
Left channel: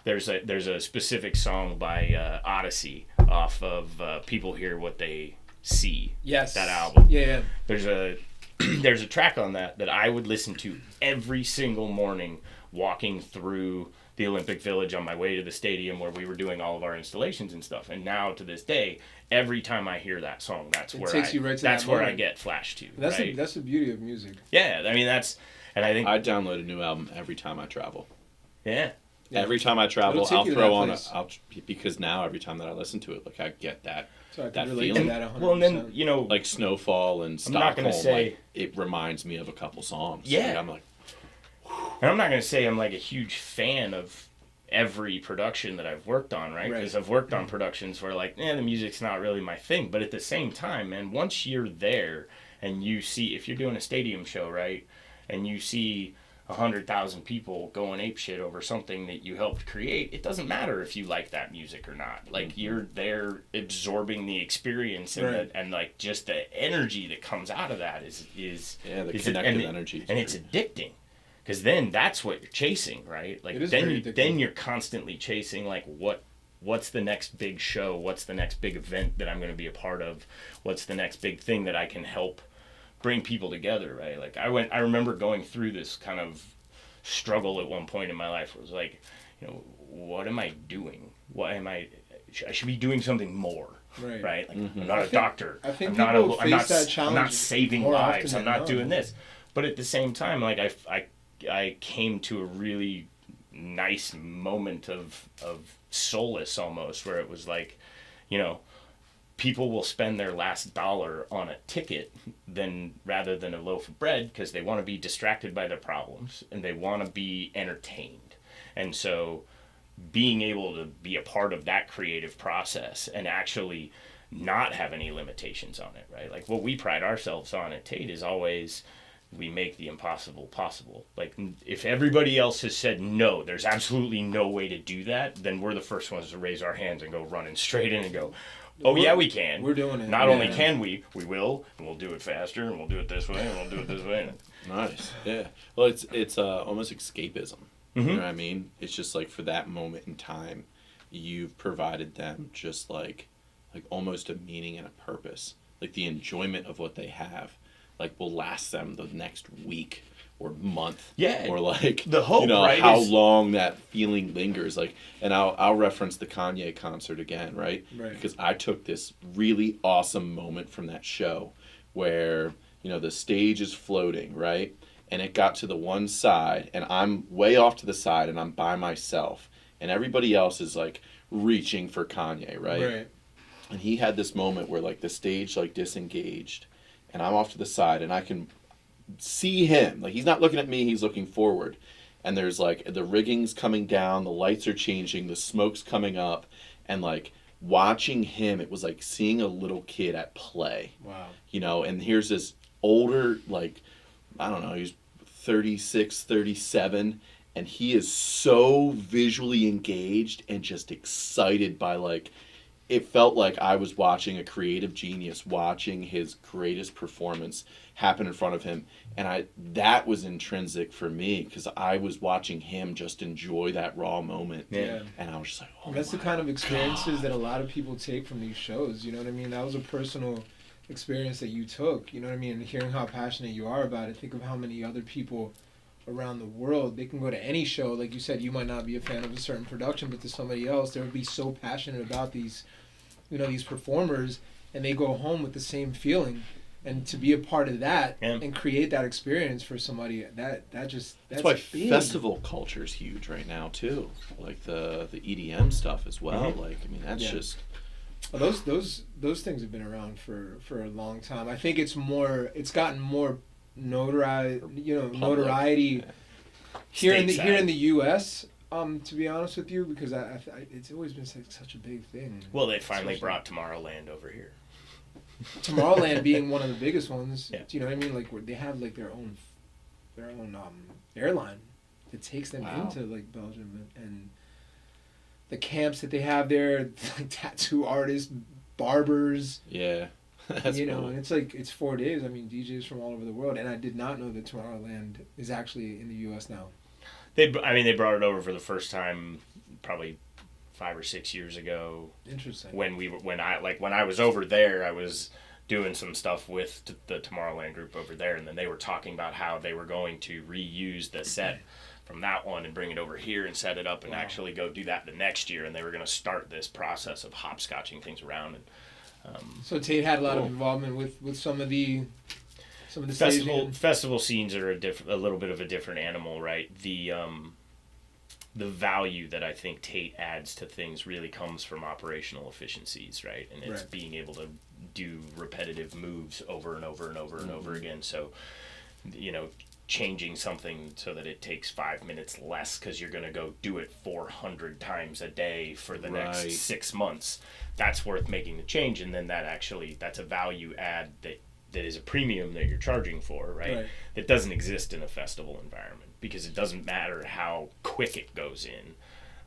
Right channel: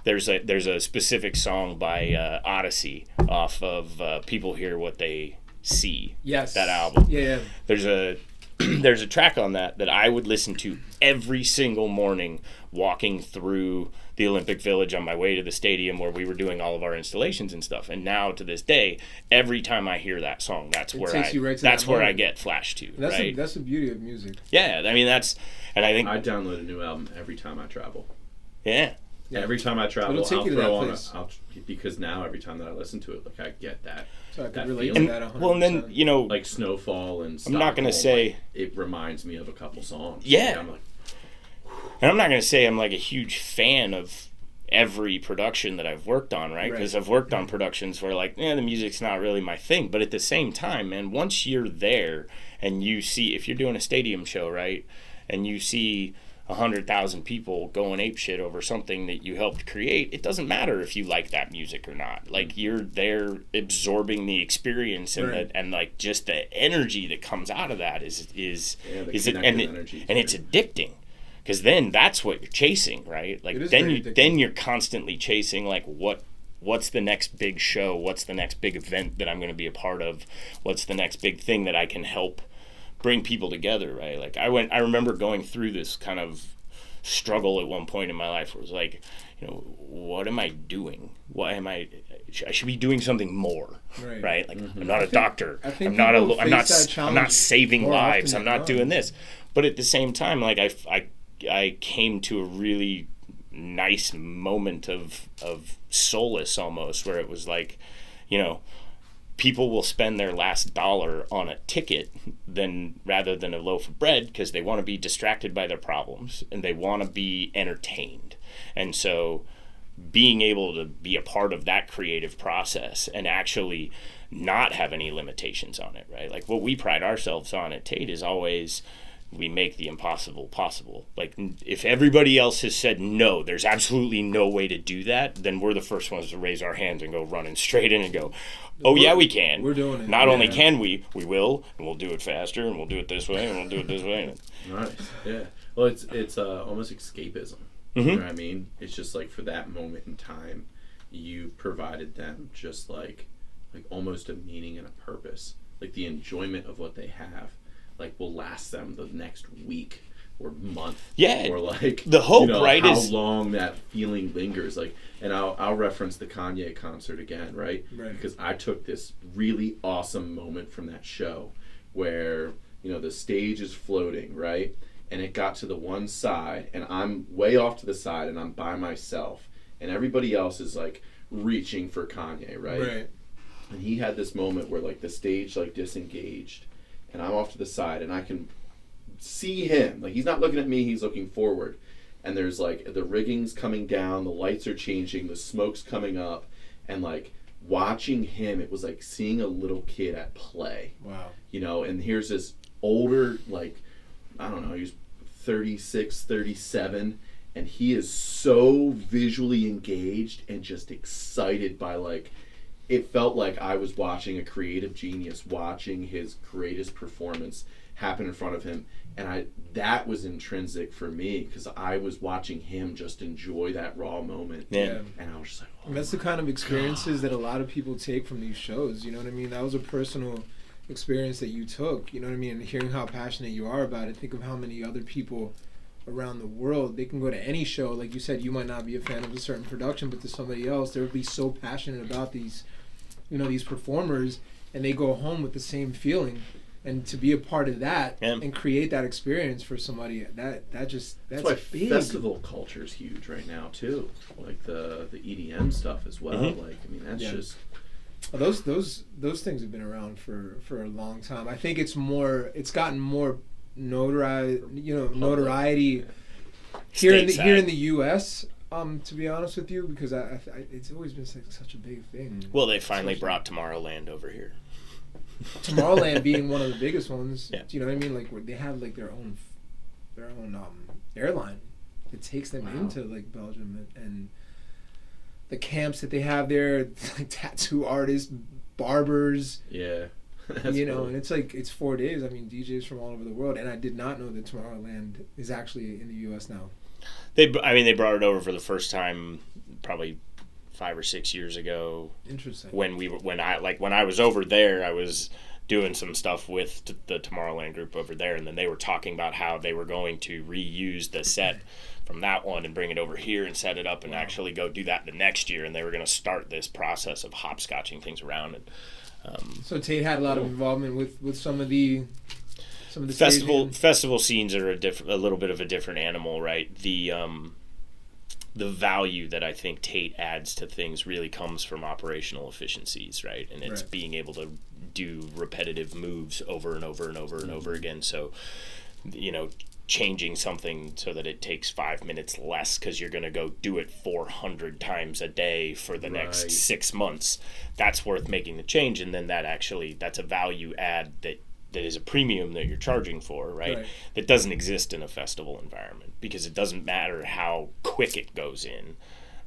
there's a specific song by Odyssey off of People Hear What They See. Yes. That album. Yeah. There's a track on that I would listen to every single morning walking through the Olympic Village on my way to the stadium where we were doing all of our installations and stuff. And now to this day, every time I hear that song, that's where I get flashed to. That's the beauty of music. Yeah, I mean, and I think I download a new album every time I travel. Yeah. Every time I travel, I'll throw on because now every time that I listen to it, like, I get that feeling. And then, like Snowfall and Stockholm, I'm not gonna say like, it reminds me of a couple songs. Yeah. Like, I'm like, and I'm not gonna say I'm like a huge fan of every production that I've worked on, right? Because I've worked on productions where, like, the music's not really my thing. But at the same time, man, once you're there and you see, if you're doing a stadium show, right, and you see 100,000 people going apeshit over something that you helped create, it doesn't matter if you like that music or not. Like, you're there absorbing the experience, and and like just the energy that comes out of that is energy, and it's addicting, because then that's what you're chasing, right? Like then you're constantly chasing like what's the next big show, what's the next big event that I'm going to be a part of, what's the next big thing that I can help bring people together, right? Like I remember going through this kind of struggle at one point in my life where it was like, what am I doing? I should be doing something more, right? Like I'm not a doctor. I'm not saving lives. I'm not doing this. But at the same time, like I came to a really nice moment of solace almost, where it was like, people will spend their last dollar on a ticket rather than a loaf of bread, because they want to be distracted by their problems and they want to be entertained. And so being able to be a part of that creative process and actually not have any limitations on it, right? Like what we pride ourselves on at Tait is always, we make the impossible possible. Like if everybody else has said no, there's absolutely no way to do that, then we're the first ones to raise our hands and go running straight in and go, yeah, we can. We're doing it. Not only can we will, and we'll do it faster, and we'll do it this way, and we'll do it this way. Nice. Yeah. Well, it's almost escapism. Mm-hmm. You know what I mean? It's just like for that moment in time, you provided them just like almost a meaning and a purpose. Like the enjoyment of what they have, like will last them the next week or month. Yeah. Or like the hope, right? How long that feeling lingers. Like, and I'll reference the Kanye concert again, right? Because I took this really awesome moment from that show where the stage is floating, right? And it got to the one side, and I'm way off to the side, and I'm by myself, and everybody else is like reaching for Kanye, right? And he had this moment where like the stage like disengaged, and I'm off to the side, and I can see him. Like he's not looking at me, he's looking forward. And there's like the rigging's coming down, the lights are changing, the smoke's coming up, and like watching him, it was like seeing a little kid at play. Wow. And here's this older, like, I don't know, he's 36, 37, and he is so visually engaged and just excited by like, it felt like I was watching a creative genius watching his greatest performance happen in front of him. And that was intrinsic for me because I was watching him just enjoy that raw moment. Yeah. And I was just like, and that's the kind of experiences that a lot of people take from these shows. You know what I mean? That was a personal experience that you took. You know what I mean? And hearing how passionate you are about it, think of how many other people around the world, they can go to any show. Like you said, you might not be a fan of a certain production, but to somebody else, they would be so passionate about these, these performers, and they go home with the same feeling. And to be a part of that and create that experience for somebody, that's why big. Festival culture is huge right now too. Like the EDM stuff as well. Mm-hmm. Like, I mean, that's just those things have been around for a long time. I think it's gotten more notoriety here in the U.S. To be honest with you, because it's always been such a big thing. Well, they finally brought Tomorrowland over here. Tomorrowland being one of the biggest ones. Yeah. Do you know what I mean? Like where they have like their own airline that takes them into like Belgium, and the camps that they have there, like tattoo artists, barbers. Yeah. That's cool. And it's 4 days. I mean, DJs from all over the world, and I did not know that Tomorrowland is actually in the U.S. now. They brought it over for the first time probably 5 or 6 years ago. Interesting. When I was over there, I was doing some stuff with the Tomorrowland group over there, and then they were talking about how they were going to reuse the set from that one and bring it over here and set it up and actually go do that the next year, and they were going to start this process of hopscotching things around. And so Tait had a lot of involvement with some of the festival scenes are a little bit of a different animal, right? The value that I think Tait adds to things really comes from operational efficiencies, right? And it's being able to do repetitive moves over and over and over and over again. So, changing something so that it takes 5 minutes less because you're going to go do it 400 times a day for the next 6 months. That's worth making the change. And then that's a value add that is a premium that you're charging for, right? That doesn't exist in a festival environment because it doesn't matter how quick it goes in,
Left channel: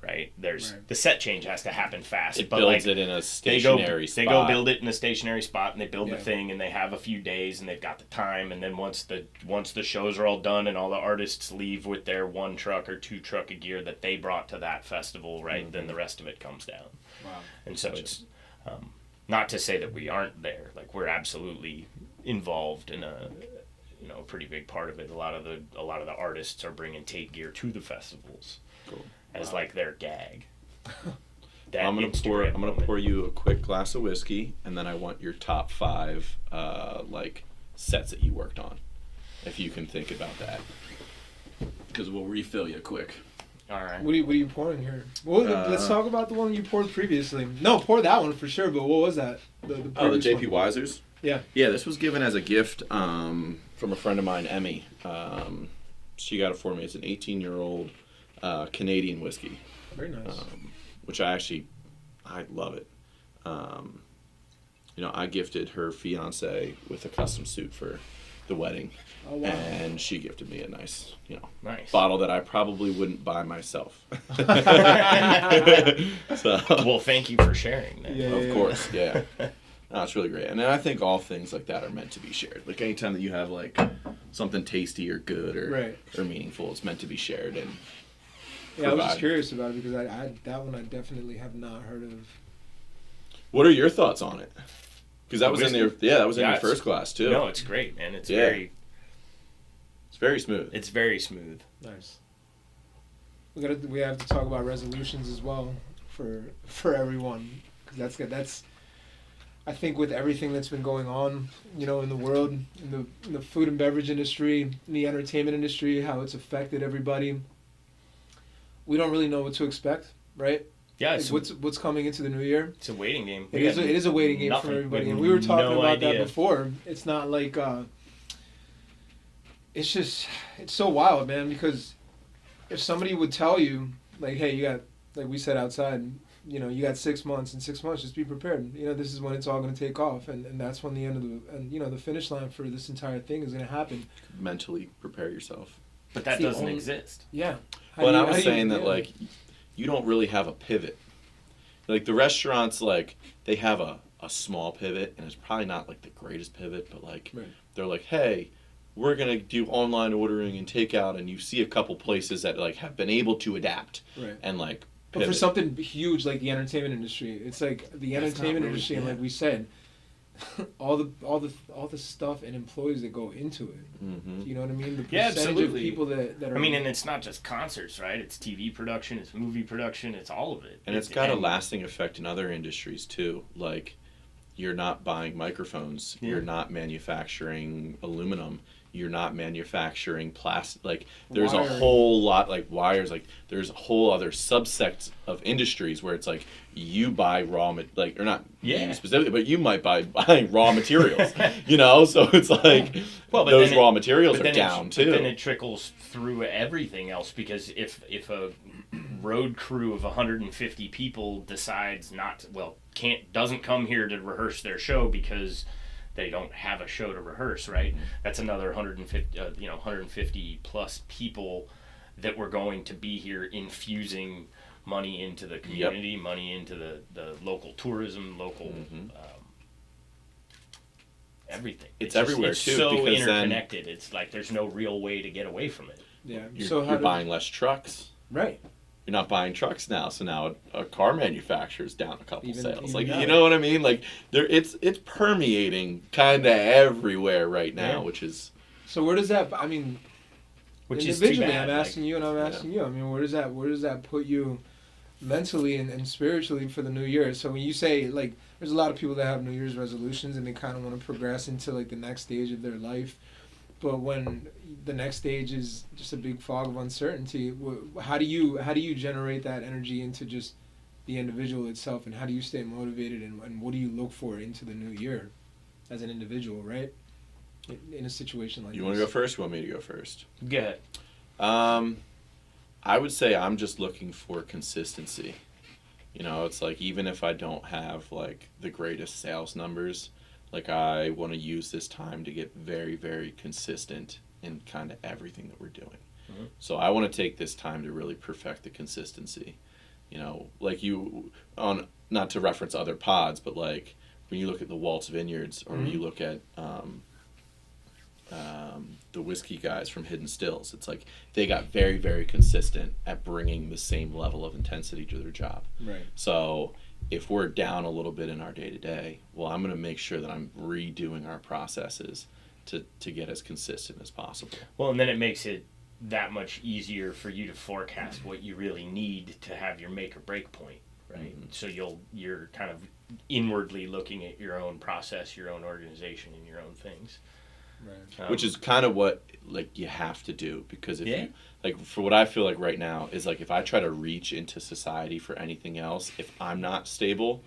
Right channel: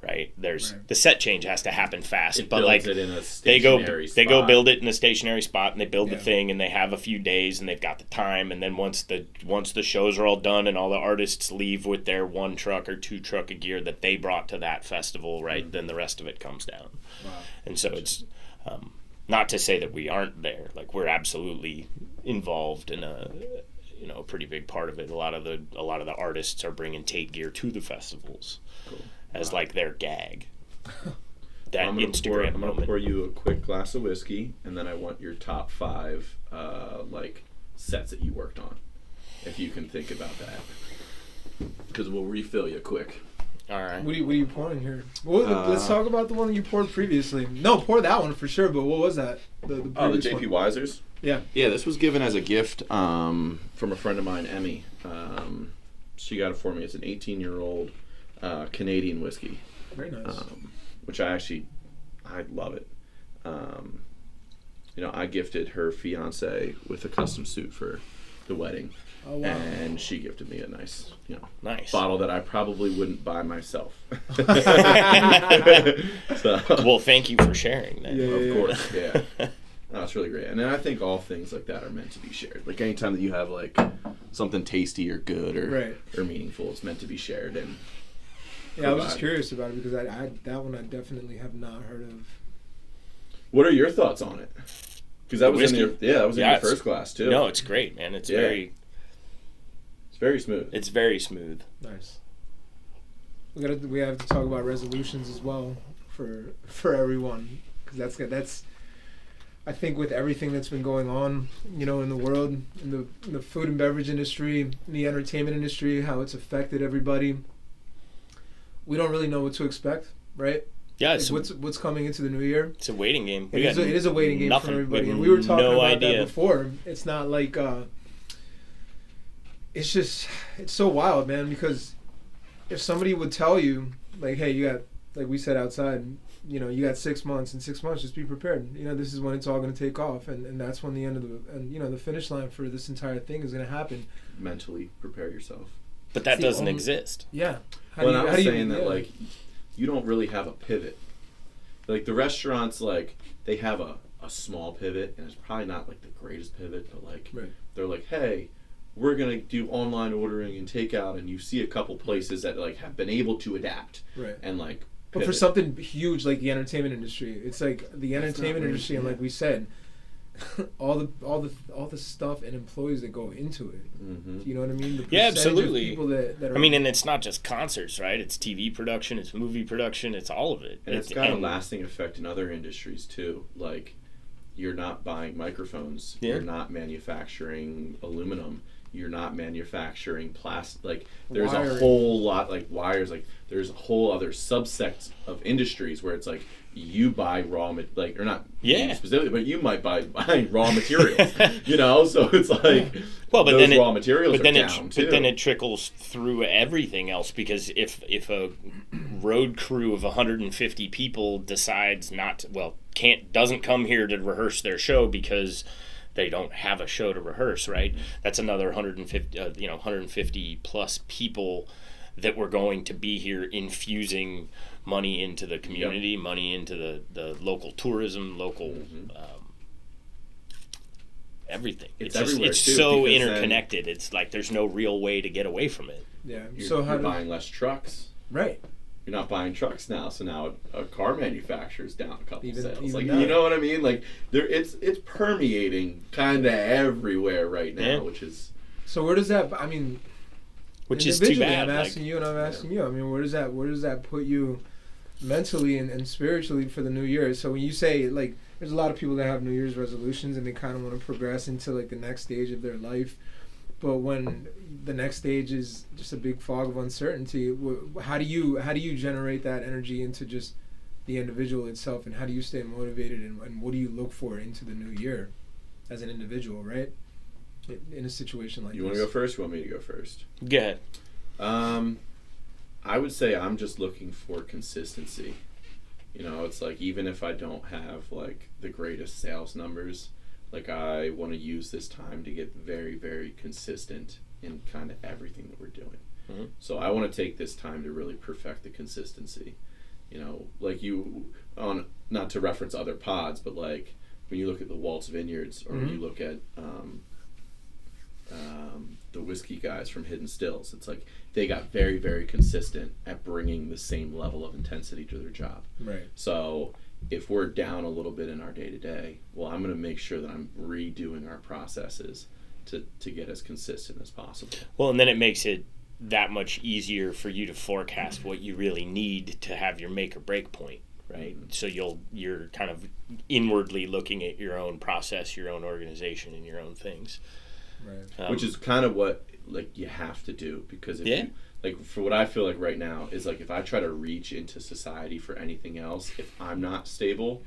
right? There's Right. the set change has to happen fast, It but builds like it in a they go stationary they go spot. build it in a stationary spot, and they build the Yeah. thing, and they have a few days, and they've got the time, and then once the shows are all done and all the artists leave with their 1 truck or 2 truck of gear that they brought to that festival, right? Then the rest of it comes down. Wow. And so it's not to say that we aren't there. Like, we're absolutely involved in a pretty big part of it. A lot of the artists are bringing Tait gear to the festivals as like their gag. That I'm gonna Instagram moment. pour you a quick glass of whiskey, and then I want your top 5 like sets that you worked on, if you can think about that, because we'll refill you quick. All right. What are you pouring here? Well, let's talk about the one you poured previously. No, pour that one for sure. But what was that? The Oh, the previous JP one. Weisers. Yeah. Yeah, this was given as a gift from a friend of mine, Emmy. She got it for me. It's an 18-year-old Canadian whiskey, Very nice. which I love it. I gifted her fiance with a custom suit for the wedding, Oh wow. and she gifted me a nice, Nice. bottle that I probably wouldn't buy myself. So, Well, thank you for sharing that. Yeah. of course, yeah. No, it's really great. And then I think all things like that are meant to be shared. Like anytime that you have like something tasty or good Right. or meaningful, it's meant to be shared. And Yeah, I was just provide. curious about it because I that one I definitely have not heard of. what are your thoughts on it? Because that The was in whiskey? your in your it's- first glass too. No, it's great, man. It's Yeah. very smooth. It's very smooth. Nice. We have to talk about resolutions as well for everyone because that's good. That's I think with everything that's been going on, in the world, in the food and beverage industry, in the entertainment industry, how it's affected everybody. We don't really know what to expect, right? Yeah, Like, what's coming into the new year? it's a waiting game. It is a waiting game nothing. for everybody. have And we were talking no about idea. that before. It's not like it's so wild, man, because if somebody would tell you, like, hey, you got, like we said outside, you got 6 months. In 6 months, just be prepared. This is when it's all going to take off, and that's when the end of the finish line for this entire thing is going to happen. Mentally prepare yourself. But that It's the doesn't only- exist. Yeah. I was saying that like you don't really have a pivot. Like the restaurants, like they have a small pivot, and it's probably not like the greatest pivot, but like Right. they're like, hey, we're gonna do online ordering and takeout, and you see a couple places that like have been able to adapt Right. and like. But for pivot. something huge like the entertainment industry, it's like the That's not entertainment really- industry, and yeah. like we said, all the stuff and employees that go into it. Mhm. You know what I mean? The Yeah, percentage absolutely. Of people that are, I mean, and it's not just concerts, right? It's TV production, it's movie production, it's all of it. And it's got a lasting effect in other industries too. Like, you're not buying microphones. Yeah. You're not manufacturing aluminum. You're not manufacturing plastic. Like, there's a Wiring. whole lot, like wires. Like, there's a whole other subsect of industries where it's like you buy or not Yeah. you specifically, but you might buy raw materials. So it's like Well, but those then raw materials but are then down too. But then it trickles through everything else, because if a road crew of 150 people decides doesn't come here to rehearse their show because they don't have a show to rehearse, right? That's another 150 plus people that were going to be here infusing money into the community, money into the local tourism, local everything. It's just- everywhere, it's too, so because then- interconnected. It's like there's no real way to get away from it. yeah. You're buying less trucks. right. You're not buying trucks now, so now a car manufacturer's down a couple Even- sales. even Like, that. you know what I mean? Like, it's permeating kind of everywhere right now, Yeah. which is So where does that? I mean, Which is too individually, bad. I'm like- asking you, and I'm asking you. I mean, where does that put you mentally and spiritually for the new year? So when you say, like, there's a lot of people that have New Year's resolutions and they kind of want to progress into like the next stage of their life, but when the next stage is just a big fog of uncertainty, how do you generate that energy into just the individual itself, and how do you stay motivated, and what do you look for into the new year as an individual, right? In a situation like you this. want to go first. You want me to go first? Go ahead. I would say I'm just looking for consistency. It's like even if I don't have like the greatest sales numbers, like I want to use this time to get very, very consistent in kind of everything that we're doing. Mhm. So I want to take this time to really perfect the consistency. like not to reference other pods, but like when you look at the Waltz Vineyards, or when you look at the whiskey guys from Hidden Stills, it's like they got very, very consistent at bringing the same level of intensity to their job. Right. So if we're down a little bit in our day-to-day, well, I'm going to make sure that I'm redoing our processes to get as consistent as possible. Well, and then it makes it that much easier for you to forecast what you really need to have your make or break point, right? So you're kind of inwardly looking at your own process, your own organization, and your own things. Right. Which is kind of what like you have to do, because if you, like for what I feel like right now is like if I try to reach into society for anything else, if I'm not stable,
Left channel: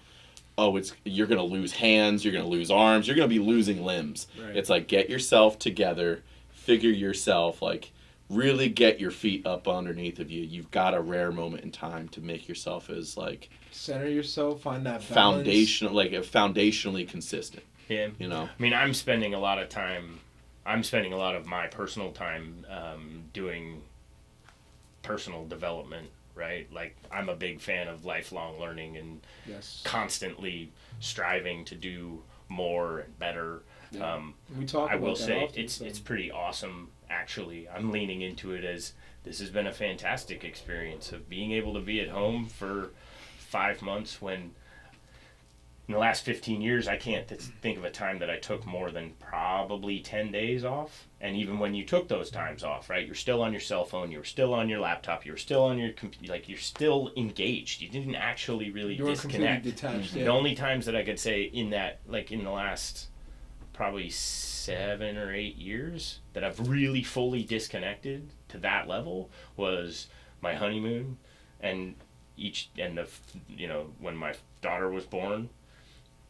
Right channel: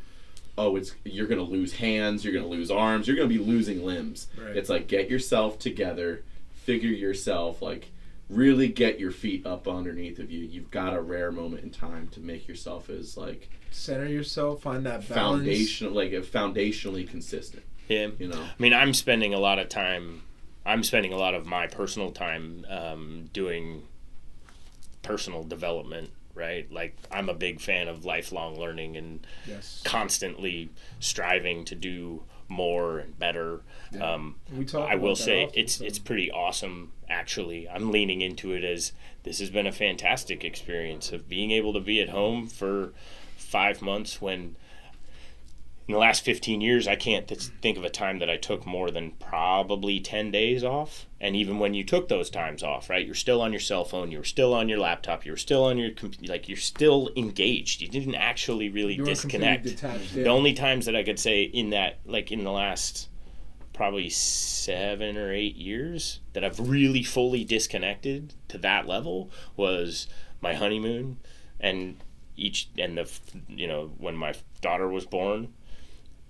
you're gonna lose hands, you're gonna lose arms, you're gonna be losing limbs. Right. It's like get yourself together, figure yourself, like really get your feet up underneath of you. You've got a rare moment in time to make yourself as like center yourself, find that balance. Foundationally consistent. Yeah. I mean, I'm spending a lot of my personal time doing personal development, right? Like, I'm a big fan of lifelong learning and constantly striving to do more and better. Yeah. We talk I will about that say often, it's pretty awesome, actually. I'm leaning into it as this has been a fantastic experience of being able to be at home for 5 months when in the last 15 years, I can't think of a time that I took more than probably 10 days off. And even when you took those times off, right, you're still on your cell phone, you were still on your laptop, you were still on your computer, like you're still engaged. You didn't actually really disconnect. The only times that I could say in that, like in the last probably 7 or 8 years that I've really fully disconnected to that level was my honeymoon and when my daughter was born.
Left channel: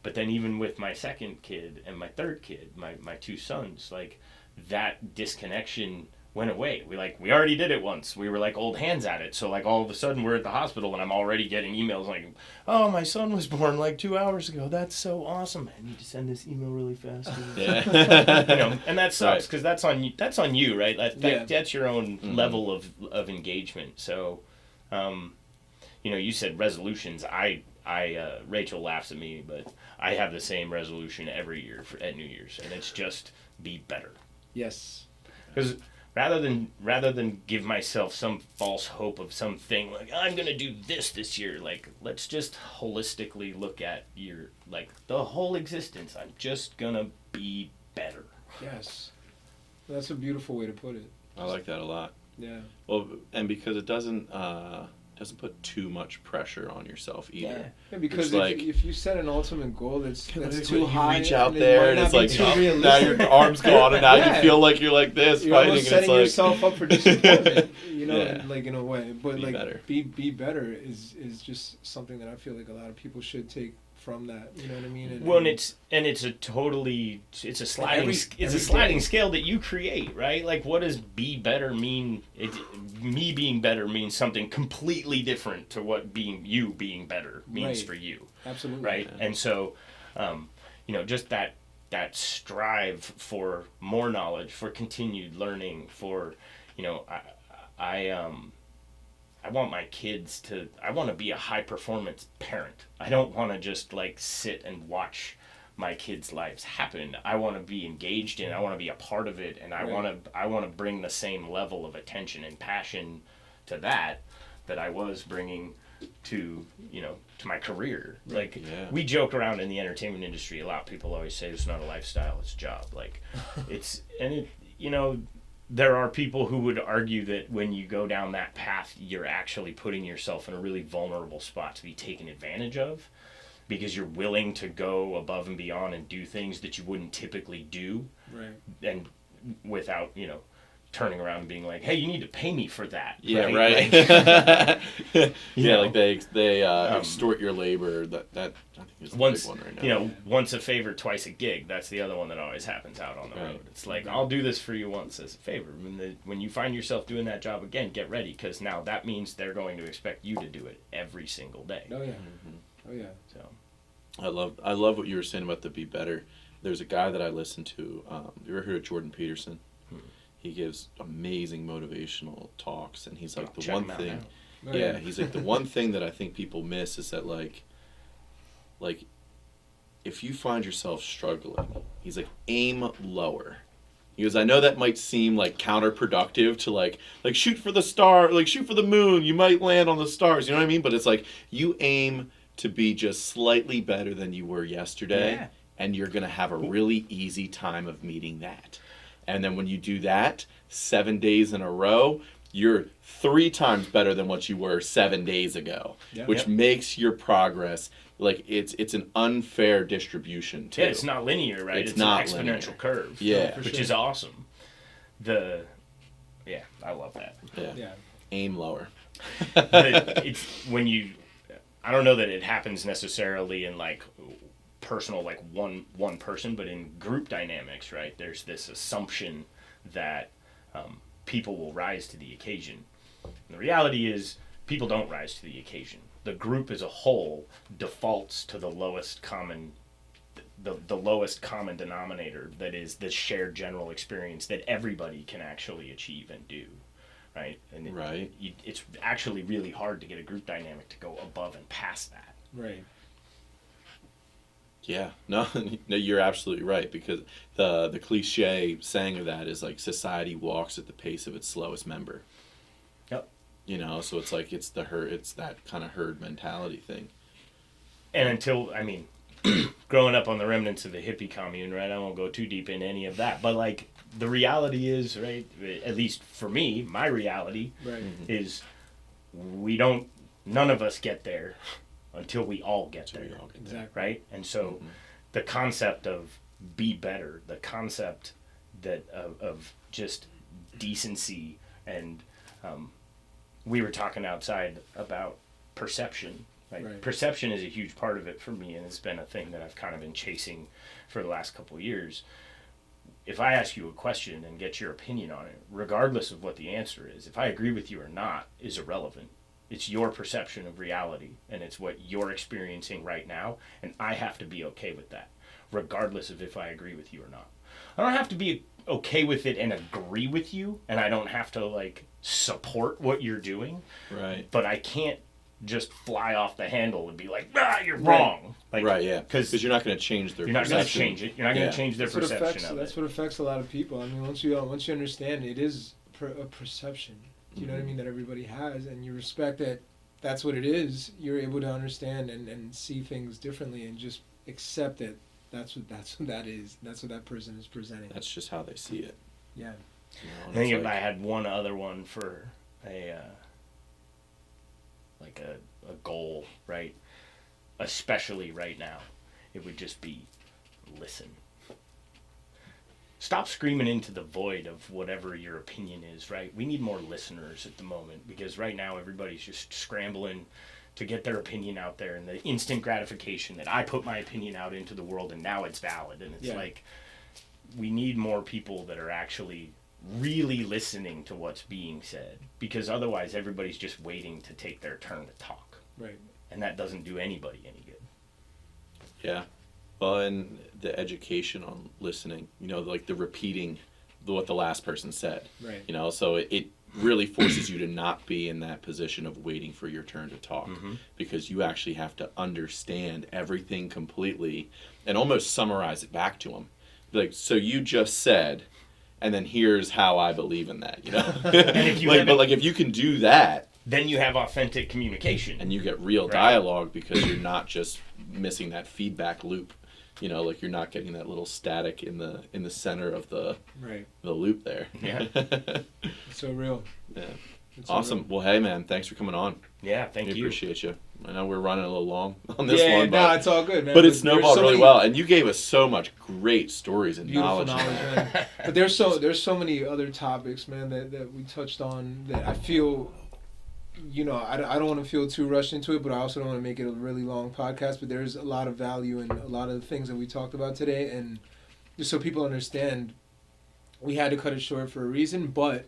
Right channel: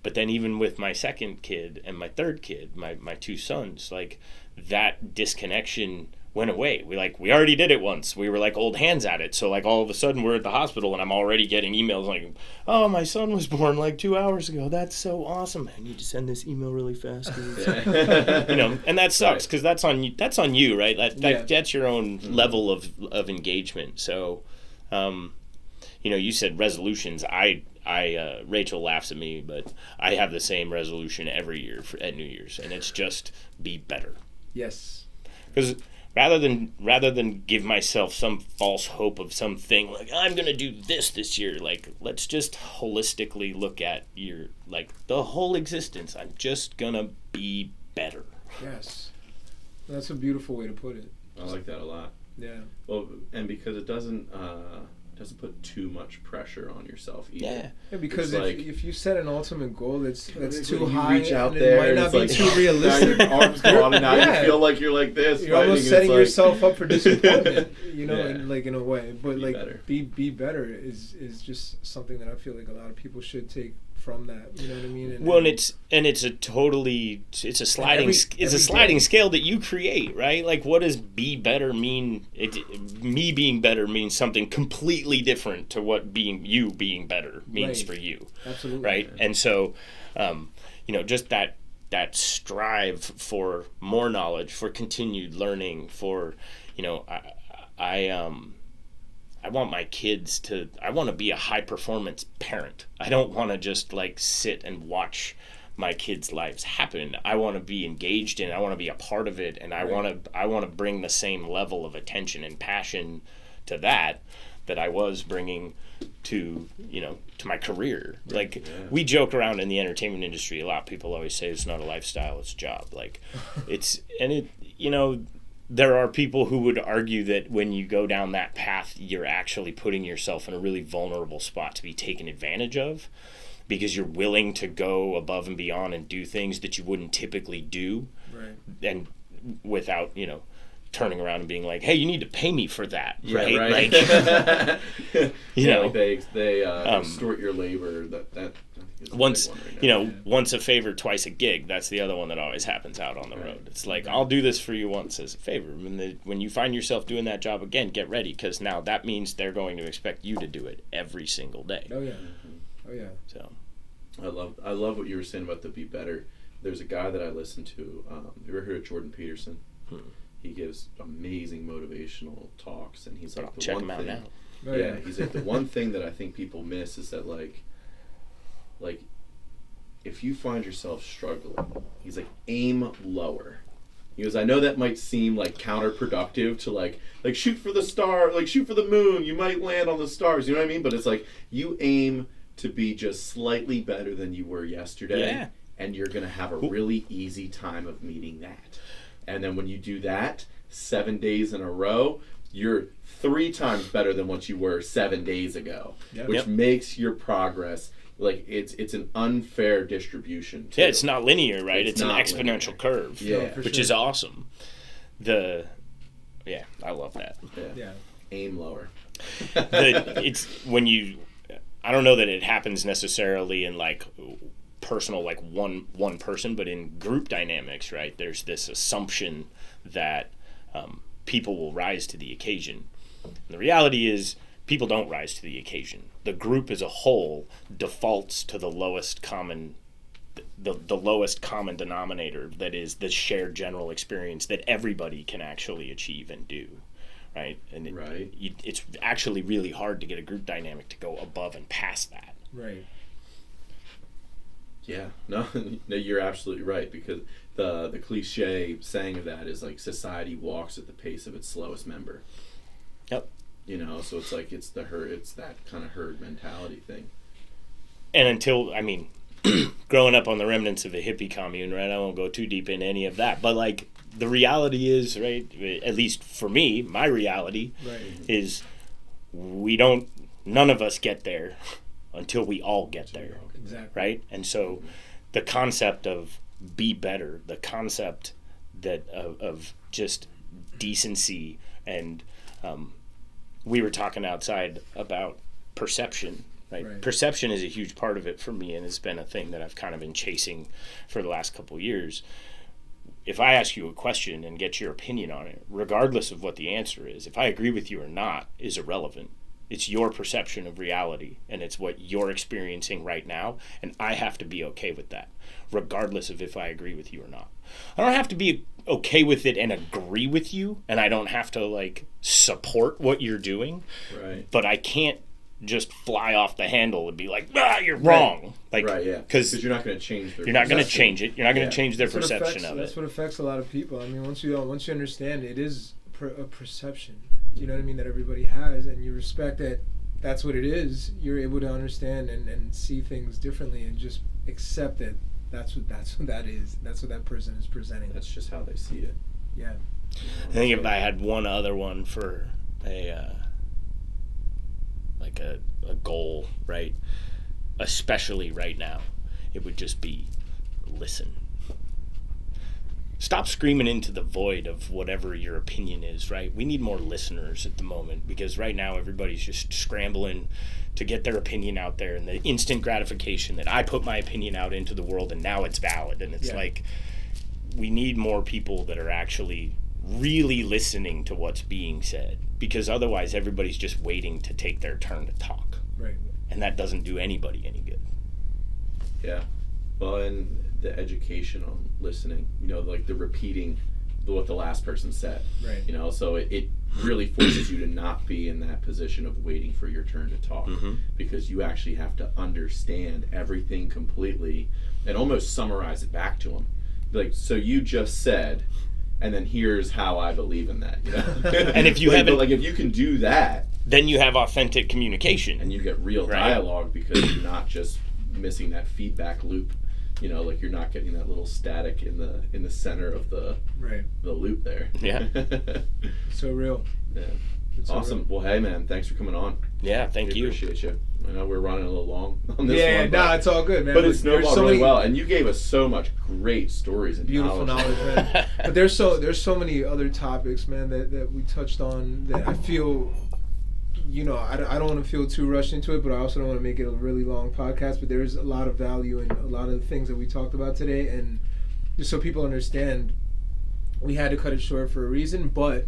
But then even with my second kid and my third kid, my 2 sons, like that disconnection went away. We already did it once. We were like old hands at it. So like all of a sudden we're at the hospital and I'm already getting emails like, oh, my son was born like 2 hours ago. That's so awesome. I need to send this email really fast. And that sucks because that's on you, right? That's your own level of engagement. So, you said resolutions. Rachel laughs at me, but I have the same resolution every year at New Year's, and it's just be better. Yes. Because rather than give myself some false hope of something like I'm gonna do this year, like let's just holistically look at the whole existence. I'm just gonna be better. Yes, that's a beautiful way to put it. I like that a lot. Yeah. Well, and because it doesn't put too much pressure on yourself either. Yeah, because if you set an ultimate goal that's too you high, reach out there and it might it's not like be too realistic. now your arms go on and now you feel like you're like this. You're almost setting yourself up for disappointment, like in a way. But be better. Be better is just something that I feel like a lot of people should take from that. You know what I mean? It's a sliding scale that you create, right? Like, what does be better mean? Me being better means something completely different to what being better means for you. Absolutely. Right? And so, just that strive for more knowledge, for continued learning, for, I want my kids I want to be a high performance parent. I don't want to just like sit and watch my kids' lives happen. I want to be engaged in. I want to be a part of it, and I want to bring the same level of attention and passion to that I was bringing to my career. Like we joke around in the entertainment industry a lot. People always say it's not a lifestyle, it's a job. Like there are people who would argue that when you go down that path, you're actually putting yourself in a really vulnerable spot to be taken advantage of because you're willing to go above and beyond and do things that you wouldn't typically do. Right. And without, turning around and being like, hey, you need to pay me for that. Yeah, right. Like they extort your labor. That I think is the once big one right now. Once a favor, twice a gig. That's the other one that always happens out on the road. It's like, I'll do this for you once as a favor. When you find yourself doing that job again, get ready, because now that means they're going to expect you to do it every single day. Oh yeah. Mm-hmm. Oh yeah. So I love what you were saying about the be better. There's a guy that I listen to. You ever heard of Jordan Peterson? He gives amazing motivational talks, and he's like the one thing. Right. Yeah, he's like, the one thing that I think people miss is that like if you find yourself struggling, he's like, aim lower. He goes, I know that might seem like counterproductive to like shoot for the star, like shoot for the moon, you might land on the stars, you know what I mean? But it's like, you aim to be just slightly better than you were yesterday, Yeah. and you're gonna have a really easy time of meeting that. And then when you do that 7 days in a row, you're 3 times better than what you were 7 days ago, Yep. which makes your progress like it's an unfair distribution too. Yeah, it's not linear, right? It's an not exponential linear. curve. Yeah. For which sure. is awesome. Yeah, I love that. Yeah. Aim lower. It's when you, I don't know that it happens necessarily in like personal, like one person, but in group dynamics, right? There's this assumption that people will rise to the occasion. And the reality is, people don't rise to the occasion. The group as a whole defaults to the lowest common denominator, that is the shared general experience that everybody can actually achieve and do, right? And it's actually really hard to get a group dynamic to go above and past that. Right. Yeah, no, you're absolutely right, because the cliche saying of that is like, society walks at the pace of its slowest member. Yep. You know, so it's like it's that kind of herd mentality thing. And until, I mean, growing up on the remnants of a hippie commune, right? I won't go too deep into any of that, but like the reality is, right? At least for me, my reality is none of us get there until we all get there. Exactly. Right? And so the concept of be better, the concept that of just decency, and we were talking outside about perception, right? Perception is a huge part of it for me, and it's been a thing that I've kind of been chasing for the last couple of years. If I ask you a question and get your opinion on it, regardless of what the answer is, if I agree with you or not, is irrelevant. It's your perception of reality, and it's what you're experiencing right now, and I have to be okay with that, regardless of if I agree with you or not. I don't have to be okay with it and agree with you, and I don't have to like support what you're doing, Right. but I can't just fly off the handle and be like, you're wrong. Like, Right, yeah. Because you're not going to change their you're not going to perception. change it. You're not going to Yeah. change their That's what perception of That's it. what affects a lot of people. I mean, once you understand it is a perception. You know what I mean? That everybody has, and you respect that. That's what it is. You're able to understand and see things differently, and just accept that. That's what that is. That's what that person is presenting. That's just how they see it. Yeah. I think if I had one other one for a goal, right, especially right now, it would just be listen. Stop screaming into the void of whatever your opinion is, right? We need more listeners at the moment, because right now everybody's just scrambling to get their opinion out there, and the instant gratification that I put my opinion out into the world and now it's valid. And it's like, we need more people that are actually really listening to what's being said, because otherwise everybody's just waiting to take their turn to talk. Right. And that doesn't do anybody any good. Yeah. Well, and the education on listening, you know, like the repeating what the last person said. Right. You know, so it really forces you to not be in that position of waiting for your turn to talk, because you actually have to understand everything completely and almost summarize it back to them. Like, so you just said, and then here's how I believe in that. You know? And if you but if you can do that, then you have authentic communication. and you get real dialogue, because you're not just missing that feedback loop. You know, like you're not getting that little static in the center of the loop there. Yeah. So real. Yeah. It's so Awesome. real. Well, hey man, thanks for coming on. Yeah, thank We you. appreciate you. I know we're running a little long on this Yeah, one, no, but, it's all good, man. but it There's snowballed so really many well, and you gave us so much great stories and beautiful knowledge. man. But there's so many other topics, man, that we touched on that I feel, you know, I don't want to feel too rushed into it, but I also don't want to make it a really long podcast. But there's a lot of value in a lot of the things that we talked about today, and just so people understand, we had to cut it short for a reason. But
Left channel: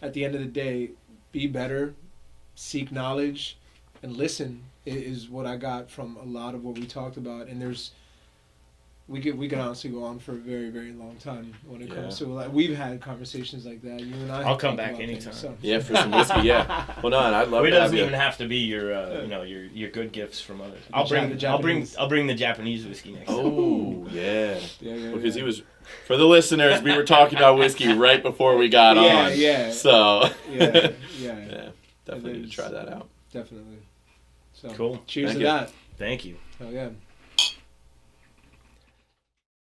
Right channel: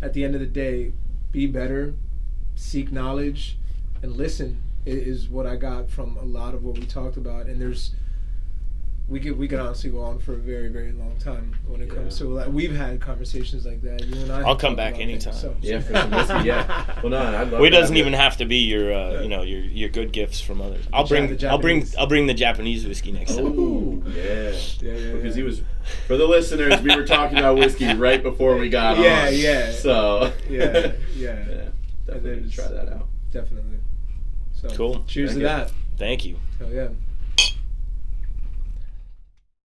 at the end of the day, be better, seek knowledge, and listen is what I got from a lot of what we talked about. And there's we could honestly go on for a very, very long time when it comes to like we've had conversations like that. You and I. I'll come back anytime. Yeah, for some whiskey. Yeah. Well, no, and I love. It doesn't even have to be your, your good gifts from others. I'll bring the Japanese whiskey next time. Oh, yeah. Because he was, for the listeners, we were talking about whiskey right before we got on. Yeah. So. Yeah. Definitely need to try that out. Definitely. So, cool. Cheers to that. Thank you. Hell yeah.